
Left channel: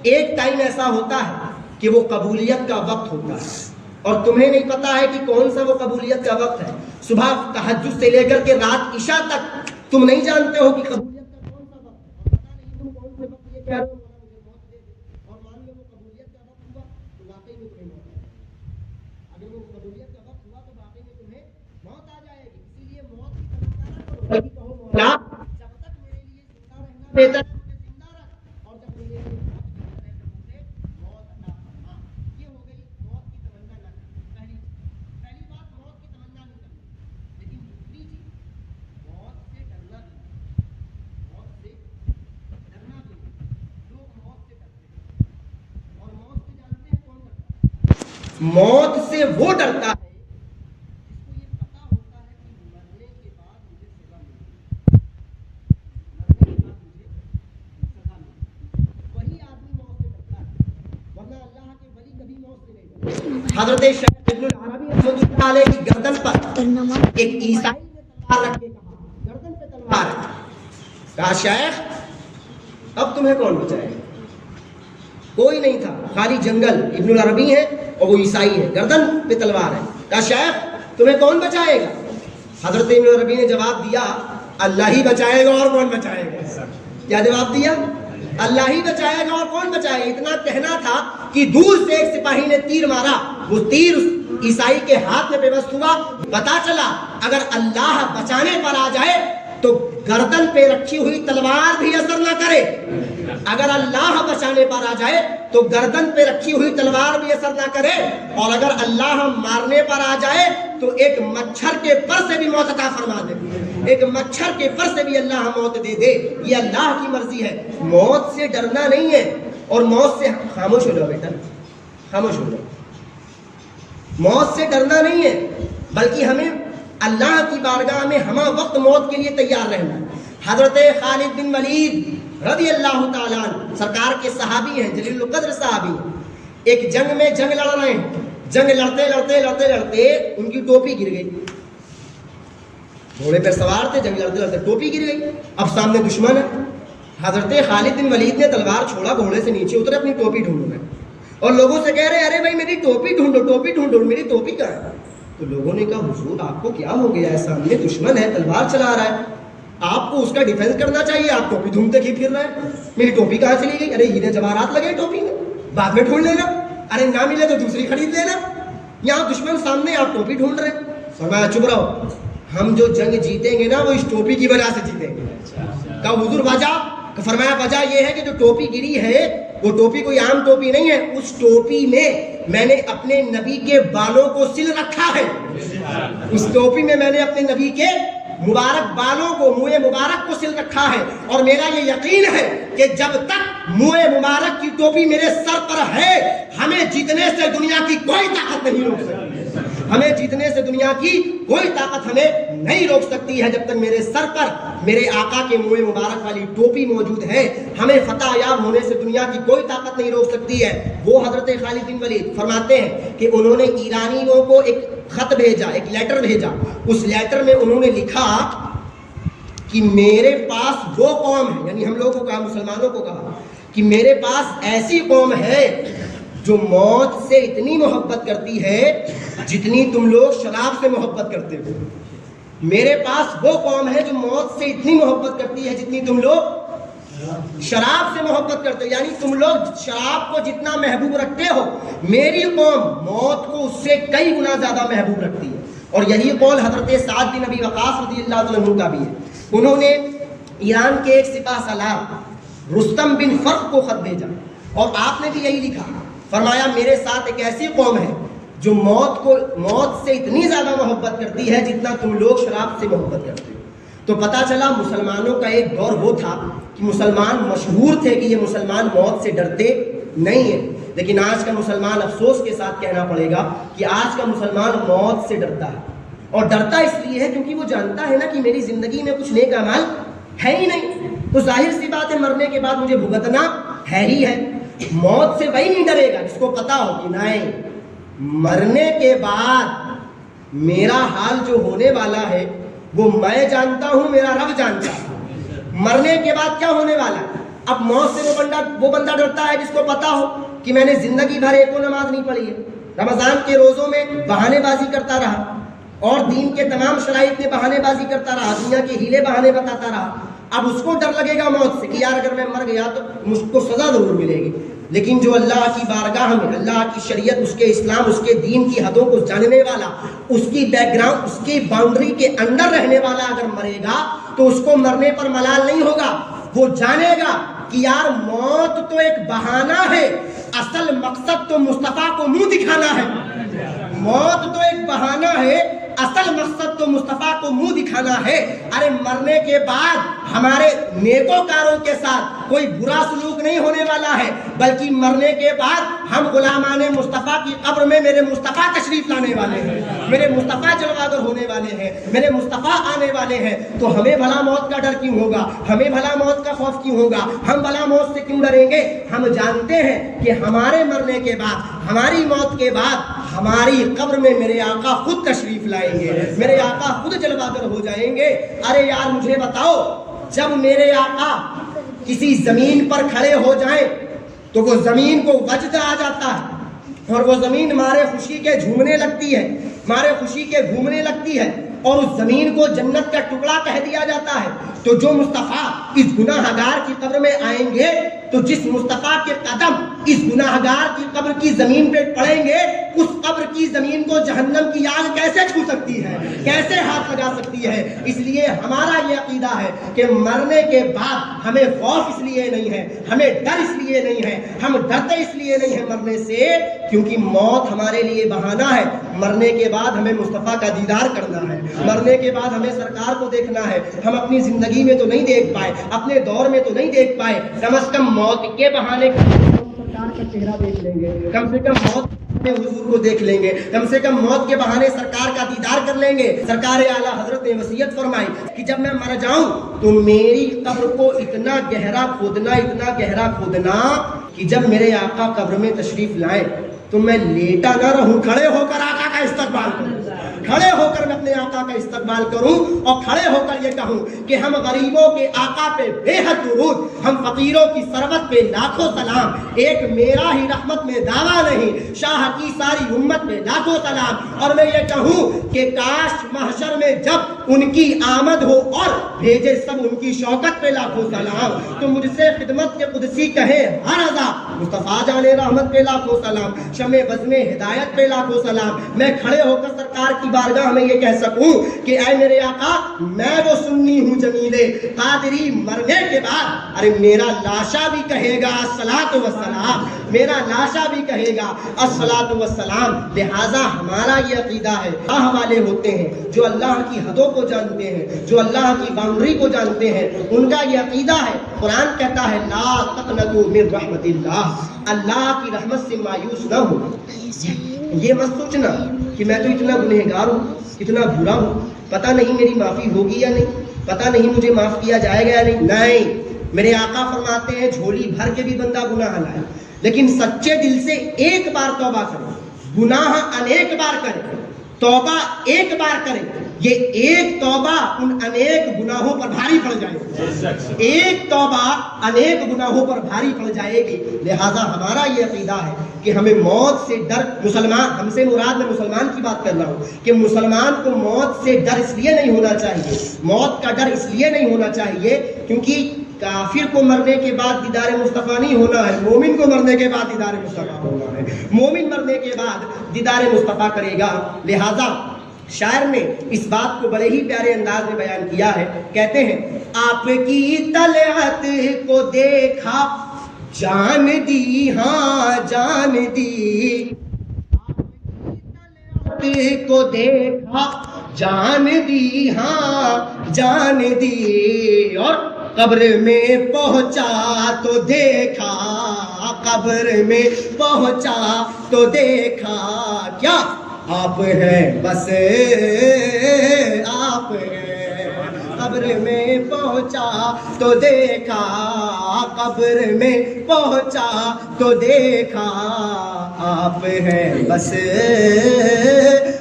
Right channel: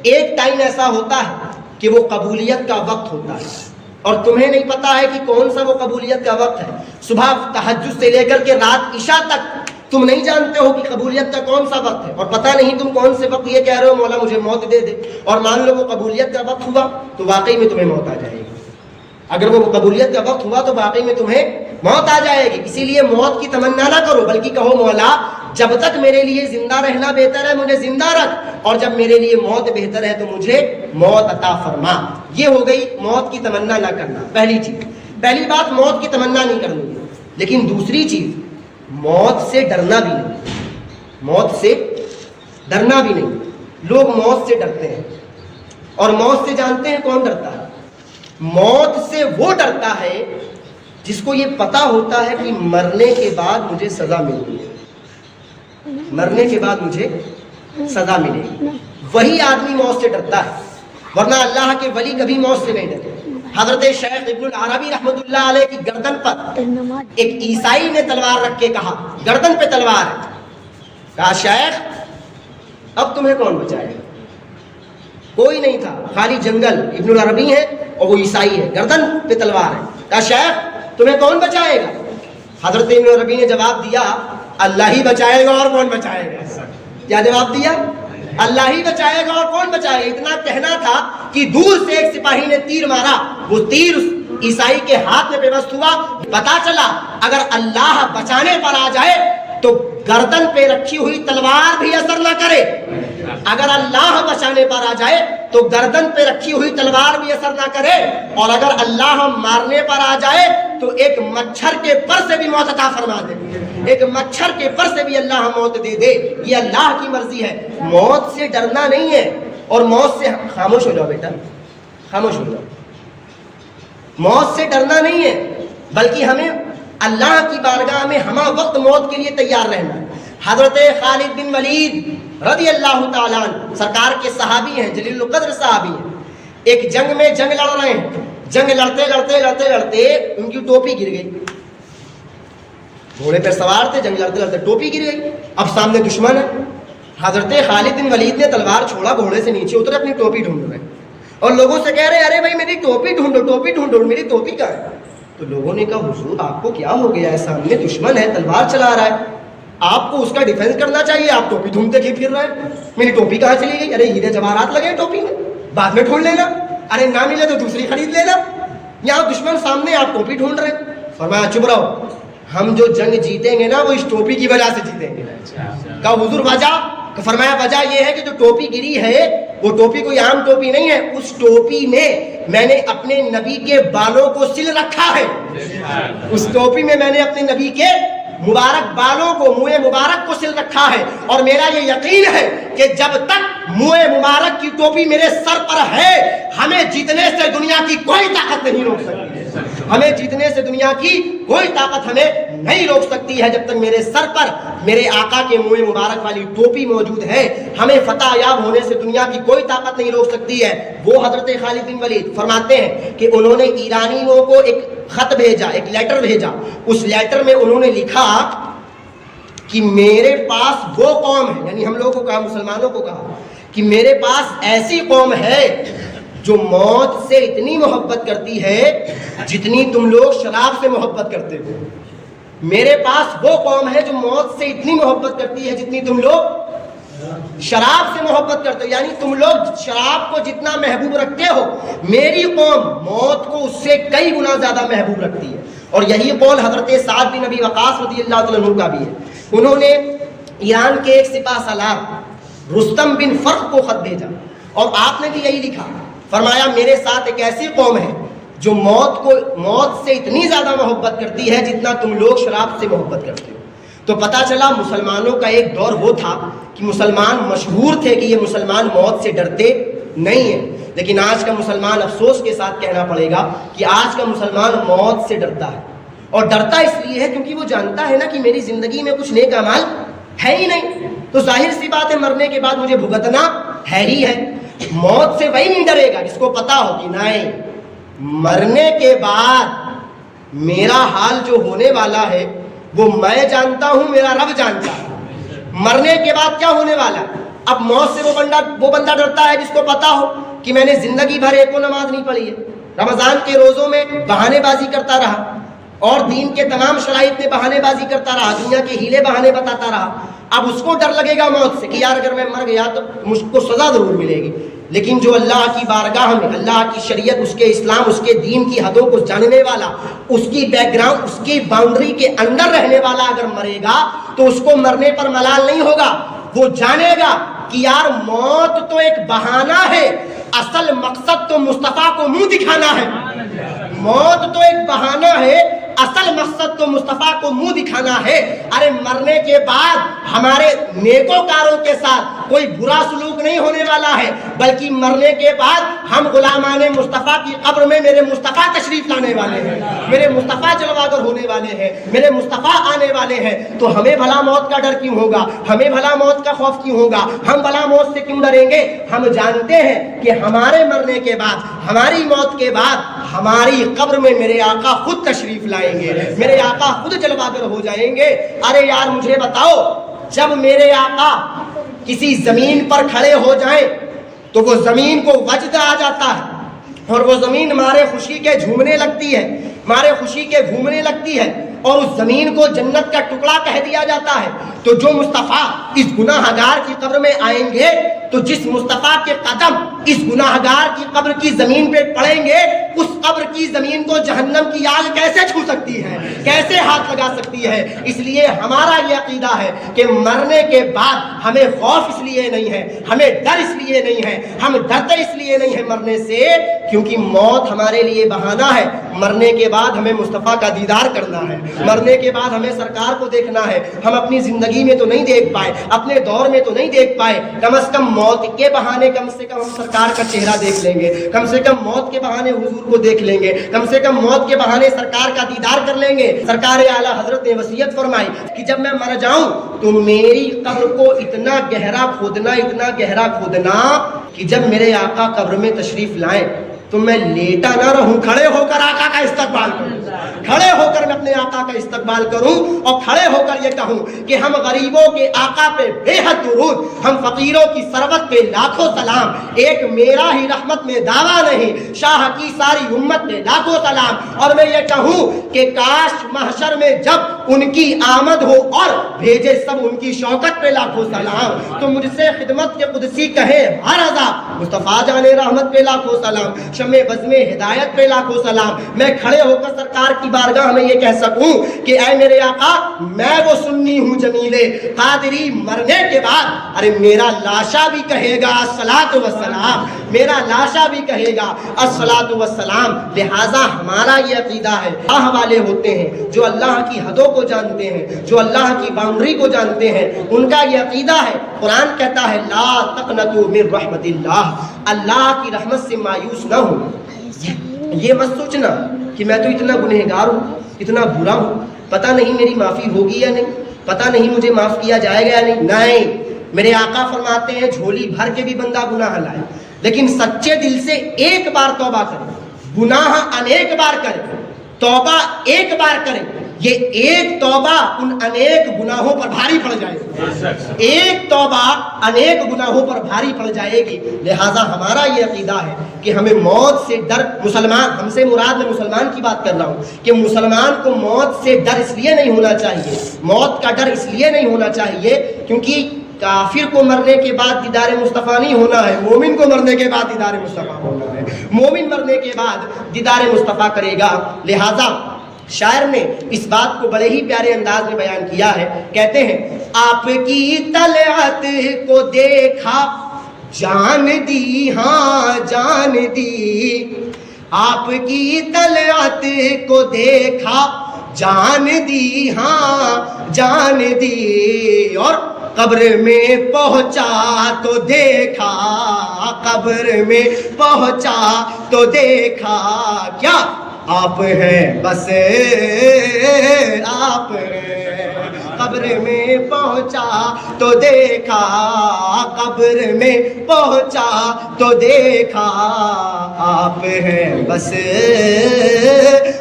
ایک ٹائم ایسا ہوتا ہے کہ وہ قبولیت کا وقت ہوتا ہے, اور تمہیں نہیں پتا ہے کہ کون سا وہ قبولیت کا وقت ہے. صبح تہجد سے لے کر کے رات عشاء تک تم نہیں جانتے ہو کہ قبولیت کا کون سا وقت ہے, اور پتہ نہیں تم کون سے وقت یہ کہہ رہے ہو مولا مجھے موت دے دے, اور مان لو وہ قبولیت کا وقت ہوا تو واقعی میں تمہیں موت آ جائے گی. اگر وہ قبولیت کا وقت ہوا تو واقعی میں تمہیں موت آ جائے گی. اسی لیے موت کی تمنا نہ کرو, بلکہ کہو مولا جب تک میرے لیے زندہ رہنا بہتر ہے مجھے زندہ رکھ, اور جب میرے لیے موت بہتر ہے تو مجھے موت عطا فرما. یہ ہو گئی موت کی تمنا نہ کرنا. پہلی چیز, پہلی بات موت کی تمنا نہیں کرنی. لیکن دوسری چیز موت سے ڈرنا بھی نہیں. موت سے ڈرنا بھی نہیں. لوگ موت سے ڈرتے ہیں, اور موت سے جانتے ہیں کون ڈرتا ہے؟ موت سے وہ ڈرتا ہے جس کو یہ پتا ہوتا ہے کہ مرنے کے بعد مجھے سزا ملے گی, مرنے کے بعد مجھے سزا ملے گی. وہی آدمی موت سے ڈرتا ہے, ورنہ اللہ کے ولی کبھی موت سے نہیں ڈرتے. حضرت شیخ ابن العربی رحمۃ اللہ علیہ کی گردن پر ایک عیسائی نے تلوار رکھ کے کہا, گردن پہ تلوار ہے, کہا شیخ اب تمہیں کون بچائے گا؟ کوئی نہیں تھا, خالی جنگل. ابن العربی ہے اور وہ عیسائی ہے, گردن پہ تلوار ہے. کہا شیخ تمہیں کون بچائے گا؟ حضرت ابن العربی نے جواب دیا اللہ ہی بچائے گا, اور کون بچائے گا. کیا جواب دیا؟ اللہ ہی بچائے گا, اور کون بچائے گا. اتنا کہنا تھا کہ دور سے ایک سپاہی نے تیر مارا, وہ تیر اس عیسائی کے ہاتھ میں پیوست ہوا. پتا چلا اگر اللہ بچانے پر آ جائے تو گردن پہ رکھی ہوئی تلوار بھی اثر نہ کرے, اگر اللہ بچانے پر آ جائے تو گردن پہ رکھی ہوئی تلوار بھی اثر نہ کرے, اور اگر اللہ مارنے پر آ جائے تو ایک مچھر کے پر سے بھی موت عطا فرما دے, ایک مچھر کے پر سے بھی اللہ موت دے دے. یہ اللہ کی مرضی ہے. موت سے ڈرنا نہیں ہے, اور موت سے خاموش ہو جاؤ بیٹا, خاموش ہو جاؤ. موت سے ڈرنا نہیں ہے, بلکہ ہمیں اللہ کی بارگاہ میں ہمہ وقت موت کے لیے تیار رہنا ہے. حضرت خالد بن ولید رضی اللہ تعالیٰ عنہ سرکار کے صحابی ہیں, جلیل القدر صحابی ہیں. ایک جنگ میں جنگ لڑ رہے ہیں, جنگ لڑتے لڑتے لڑتے لڑتے ان کی ٹوپی گر گئی. گھوڑے پر سوار تھے, جنگ لڑتے لڑتے ٹوپی گر گئی. اب سامنے دشمن ہے. حضرت خالد بن ولید نے تلوار چھوڑا, گھوڑے سے نیچے اترے, اپنی ٹوپی ڈھونڈ رہے اور لوگوں سے کہہ رہے ارے بھائی میری ٹوپی ڈھونڈو, ٹوپی ڈھونڈو, میری ٹوپی کہاں ہے؟ تو لوگوں نے کہا حضور آپ کو کیا ہو گیا ہے, سامنے دشمن ہے, تلوار چلا رہا ہے, آپ کو اس کا ڈیفینس کرنا چاہیے, آپ ٹوپی ڈھونڈتے پھر رہے ہیں. میری ٹوپی کہاں چلی گئی؟ ارے ہیرے جواہرات لگے ٹوپی میں, بعد میں ڈھونڈ لینا, ارے نہ ملے تو دوسری خرید لینا. یہاں دشمن سامنے, آپ ٹوپی ڈھونڈ رہے ہیں. فرمایا چپ رہو, ہم جو جنگ جیتیں گے نا وہ اس ٹوپی کی وجہ سے جیتیں گے. کہا حضور وجہ؟ فرمایا وجہ یہ ہے کہ جو ٹوپی گری ہے وہ ٹوپی کوئی عام ٹوپی نہیں ہے, اس ٹوپی میں نے اپنے نبی کے بالوں کو سل رکھا ہے, اس ٹوپی میں نے اپنے نبی کے مبارک بالوں کو, منہ مبارک کو سل رکھا ہے. اور میرا یہ یقین ہے کہ جب تک منہ مبارک کی ٹوپی میرے سر پر ہے ہمیں جیتنے سے دنیا کی کوئی طاقت نہیں روک سکتی, ہمیں جیتنے سے دنیا کی کوئی طاقت ہمیں نہیں روک سکتی ہے. جب تک میرے سر پر میرے آقا کے منہ مبارک والی ٹوپی موجود ہے ہمیں فتح یاب ہونے سے دنیا کی کوئی طاقت نہیں روک سکتی ہے. وہ حضرت خالد بن ولید فرماتے ہیں کہ انہوں نے ایرانیوں کو ایک خط بھیجا, ایک لیٹر بھیجا. اس لیٹر میں انہوں نے لکھا کہ میرے پاس وہ قوم ہے, یعنی ہم لوگوں کو کہا, مسلمانوں کو کہا کہ میرے پاس ایسی قوم ہے جو موت سے اتنی محبت کرتی ہے جتنی تم لوگ شراب سے محبت کرتے ہو. میرے پاس وہ قوم ہے جو موت سے اتنی محبت کرتی ہے جتنی تم لوگ شراب سے محبت کرتے ہو. یعنی تم لوگ شراب کو جتنا محبوب رکھتے ہو میری قوم موت کو اس سے کئی گنا زیادہ محبوب رکھتی ہے. اور یہی قول حضرت سعد بن ابی وقاص رضی اللہ تعالیٰ عنہ کا بھی ہے. انہوں نے ایران کے ایک سپاہ سالار رستم بن فرق کو خط بھیجا اور آپ نے بھی یہی لکھا. فرمایا میرے ساتھ ایک ایسی قوم ہے جو موت سے اتنی زیادہ محبت کرتی ہے جتنا تم لوگ شراب سے محبت کرتے ہو. تو پتہ چلا مسلمانوں کا ایک دور وہ تھا کہ مسلمان مشہور تھے کہ یہ مسلمان موت سے ڈرتے نہیں ہیں. لیکن آج کا مسلمان افسوس کے ساتھ کہنا پڑے گا کہ آج کا مسلمان موت سے ڈرتا ہے. اور ڈرتا اس لیے ہے کیونکہ وہ جانتا ہے نا کہ میری زندگی میں کچھ نیک اعمال ہے ہی نہیں. تو ظاہر سی بات ہے مرنے کے بعد مجھے بھگتنا ہے ہی ہے. موت سے وہی نہیں ڈرے گا جس کو پتا ہو کہ نہیں مرنے کے بعد میرا حال جو ہونے والا ہے وہ میں جانتا ہوں, میرا رب جانتا ہے. مرنے کے بعد کیا ہونے والا ہے. اب موت سے وہ بندہ ڈرتا ہے جس کو پتا ہو کہ میں نے زندگی بھر ایک نماز نہیں پڑھی ہے, رمضان کے روزوں میں بہانے بازی کرتا رہا اور دین کے تمام شرائط میں بہانے بازی کرتا رہا, دنیا کے ہیلے بہانے بتاتا رہا. اب اس کو ڈر لگے گا موت سے کہ یار اگر میں مر گیا تو مجھ کو سزا ضرور ملے گی. لیکن جو اللہ کی بارگاہ میں اللہ کی شریعت, اس کے اسلام, اس کے دین کی حدوں کو جاننے والا, اس کی بیک گراؤنڈ, اس کی باؤنڈری کے اندر رہنے والا اگر مرے گا تو اس کو مرنے پر ملال نہیں ہوگا. وہ جانے گا کہ یار موت تو ایک بہانہ ہے, اصل مقصد تو مصطفیٰ کو منہ دکھانا ہے. موت تو ایک بہانہ ہے, اصل مقصد تو مصطفیٰ کو منہ دکھانا ہے. ارے مرنے کے بعد ہمارے نیکوکاروں کے ساتھ کوئی برا سلوک نہیں ہونے والا ہے, بلکہ مرنے کے بعد ہم غلامان مصطفیٰ کی قبر میں میرے مصطفیٰ تشریف لانے والے ہیں, میرے مصطفیٰ جلوہ گر ہونے والے ہیں, میرے مصطفیٰ آنے والے ہیں. تو ہمیں بھلا موت کا ڈر کیوں ہوگا, ہمیں بھلا موت کا خوف کیوں ہوگا, ہم بھلا موت سے کیوں ڈریں گے. ہم جانتے ہیں کہ ہمارے مرنے کے بعد, ہماری موت کے بعد ہماری قبر میں میرے آقا خود تشریف لائیں گے, میرے آقا خود جلوہ گر ہو جائیں گے. ارے یار مجھے بتاؤ, جب میرے آقا کسی زمین پر کھڑے ہو جائیں تو وہ زمین کو وجد آ جاتا ہے اور وہ زمین مارے خوشی کے جھومنے لگتی ہے, مارے خوشی کے گھومنے لگتی ہے اور اس زمین کو جنت کا ٹکڑا کہہ دیا جاتا ہے. تو جو مصطفیٰ اس گناہ گار کی قبر میں آئیں گے تو جس مصطفیٰ کے قدم اس گناہ گار کی قبر کی زمین پہ پڑیں گے, اس قبر کی زمین کو جہنم کی آگ کیسے چھو سکتی ہے, کیسے ہاتھ لگا سکتی ہے. اس لیے ہمارا یہ عقیدہ ہے کہ مرنے کے بعد ہمیں خوف اس لیے نہیں ہے, ہمیں ڈر اس لیے نہیں ہے, ہم ڈرتے اس لیے نہیں ہیں مرنے سے کیونکہ موت ہمارے لیے بہانہ ہے. مرنے کے بعد ہمیں مصطفیٰ کا دیدار کرنا ہے, مرنے کے بعد ہمیں سرکار کو دیکھنا ہے. ہم اپنی زندگی میں تو نہیں دیکھ پائے, اپنے دور میں تو نہیں دیکھ پائے, کم از کم موت کے بہانے کم سے کم سرکار کا چہرہ دیکھ لیں گے, کم سے کم موت کے بہانے حضور کو دیکھ لیں گے, کم سے کم موت کے بہانے سرکار کا دیدار کر لیں گے. سرکار اعلیٰ حضرت نے وصیت فرمائی کہ جب میں مر جاؤں تو میری قبر کو اتنا گہرا کھودنا, اتنا گہرا کھودنا کہ جب میرے آقا قبر میں تشریف لائیں تو میں لیٹا نہ رہوں, کھڑے ہو کر آقا کا استقبال کروں, کھڑے ہو کر میں اپنے آقا کا استقبال کروں اور کھڑے ہو کر یہ کہوں کہ ہم غریبوں کے آقا پہ بے حد درود, ہم فقیروں کی ثروت پہ لاکھوں سلام, ایک میرا ہی رحمت میں دعویٰ نہیں, شاہ کی ساری امت پہ لاکھوں سلام. اور میں یہ کہوں کہ کاش محشر میں جب ان کی آمد ہو اور بھیجے سب ان کی شوکت پہ لاکھوں سلام, تو مجھ سے خدمت کے قدسی کہے ہر رضا مصطفیٰ جان رحمت پہ لاکھوں سلام, شمع بزم ہدایت پہ لاکھوں سلام. میں کھڑے ہو کر سرکار کی بارگاہ میں یہ کہہ سکوں کہ اے میرے آقا میں وہ سنی ہوں جمیلے قادری, مرنے کے بعد ارے میرا لاشا بھی کہے گا الصلاۃ والسلام, میرا لاشا بھی کہے گا الصلاۃ والسلام. لہٰذا ہمارا یہ عقیدہ ہے, اللہ والے ہوتے ہیں جو اللہ کی حدوں کو جانتے ہیں, جو اللہ کی باؤنڈری کو جانتے ہیں, ان کا یہ عقیدہ ہے. قرآن کہتا ہے لا تقنطوا من رحمت اللہ, اللہ کی رحمت سے مایوس نہ ہو. یہ مت سوچنا کہ میں تو اتنا گنہگار ہوں, اتنا برا ہوں, پتہ نہیں میری معافی ہوگی یا نہیں, پتہ نہیں مجھے معاف کیا جائے گا یا نہیں. نہیں, میرے آقا فرماتے ہیں جھولی بھر کے بھی بندہ گناہ لائے لیکن سچے دل سے ایک بار توبہ کرے, گناہ انیک بار کرے, توبہ ایک بار کرے یہ ایک توبہ ان انیک گناہوں پر بھاری پڑ جائے گی، ایک توبہ انیک گناہوں پر بھاری پڑ جائے گی۔ لہٰذا ہمارا یہ عقیدہ ہے کہ ہمیں موت سے ڈر، مسلمان، ہم سے مراد میں مسلمان کی بات کر رہا ہوں، کہ مسلمان کو موت سے ڈر اس لیے نہیں ہونا چاہیے، موت کا ڈر اس لیے نہیں ہونا چاہیے کیونکہ کافر کو مرنے کے بعد دیدار مصطفیٰ نہیں ہونا ہے، مومن کو مرنے کے بعد دیدار مصطفیٰ ہونا ہے، مومن مرنے کے بعد دیدار مصطفیٰ کرے گا۔ لہٰذا شاعر نے اس بات کو بڑے ہی پیارے انداز میں بیان کیا ہے، کہتے ہیں آپ کی طلعت کو دیکھا جان دی، ہاں جان دی، آپ کی طلعت کو دیکھا جان دی، ہاں جان دی، اور قبر میں پہنچا تو دیکھا، قبر میں پہنچا تو دیکھا، کیا آپ ہیں بس آپ ہیں، قبر میں پہنچا تو دیکھا، قبر میں پہنچا تو دیکھا، آپ ہیں بس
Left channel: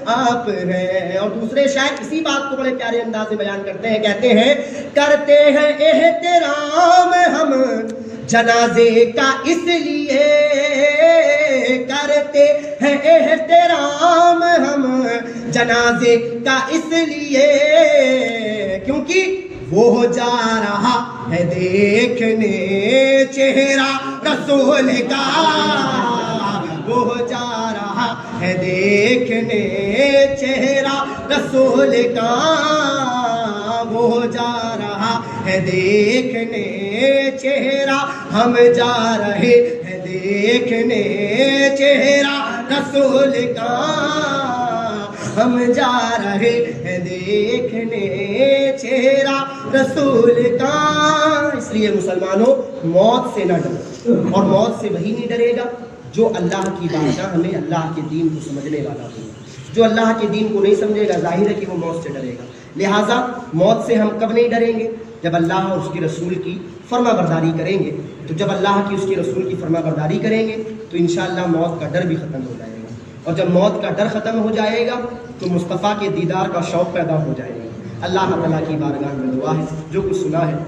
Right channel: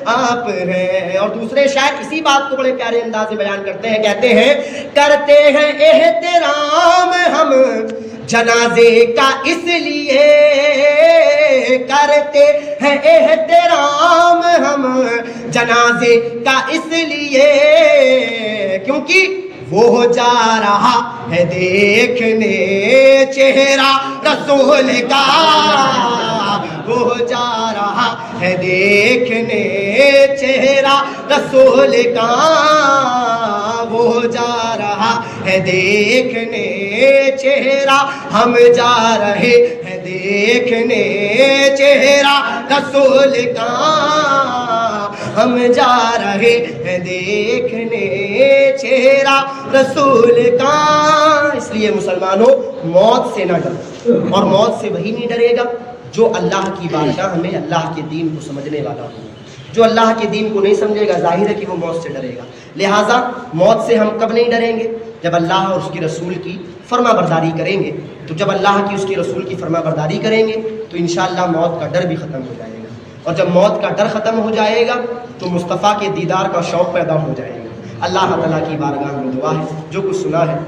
آپ ہیں۔ اور دوسرے شاعر اسی بات کو بڑے پیارے انداز میں بیان کرتے ہیں، کہتے ہیں کرتے ہیں احترام ہم جنازے کا اس لیے، کرتے ہیں احترام ہم جنازے کا اس لیے، کیونکہ وہ جا رہا ہے دیکھنے چہرہ رسول کا، وہ جا رہا ہے دیکھنے چہرہ رسول کا، وہ جا رہا ہے دیکھنے چہرہ، ہم جا رہے ہیں دیکھنے چہرہ رسول کا، ہم جا رہے ہیں دیکھنے چہرہ رسول کا۔ اس لیے مسلمانوں موت سے نہ ڈرو، اور موت سے وہی نہیں ڈرے گا جو اللہ کی بارگاہ میں اللہ کے دین کو سمجھنے والا ہوگا۔ جو اللہ کے دین کو نہیں سمجھے گا ظاہر ہے کہ وہ موت سے ڈرے گا۔ لہٰذا موت سے ہم کب نہیں ڈریں گے؟ جب اللہ اور اس کی رسول کی فرما برداری کریں گے۔ تو جب اللہ کی اس کی رسول کی فرما برداری کریں گے تو انشاءاللہ موت کا ڈر بھی ختم ہو جائے گا، اور جب موت کا ڈر ختم ہو جائے گا تو مصطفیٰ کے دیدار کا شوق پیدا ہو جائے گا۔ اللہ تعالیٰ کی بارگاہ میں دعا ہے جو کچھ سنا ہے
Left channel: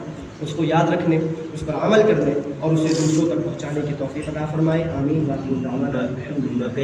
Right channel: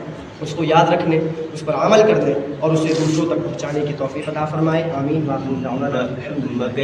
اس کو یاد رکھنے، اس پر عمل کرنے اور اسے دوسروں تک پہنچانے کی توفیق عطا فرمائے۔ آمین۔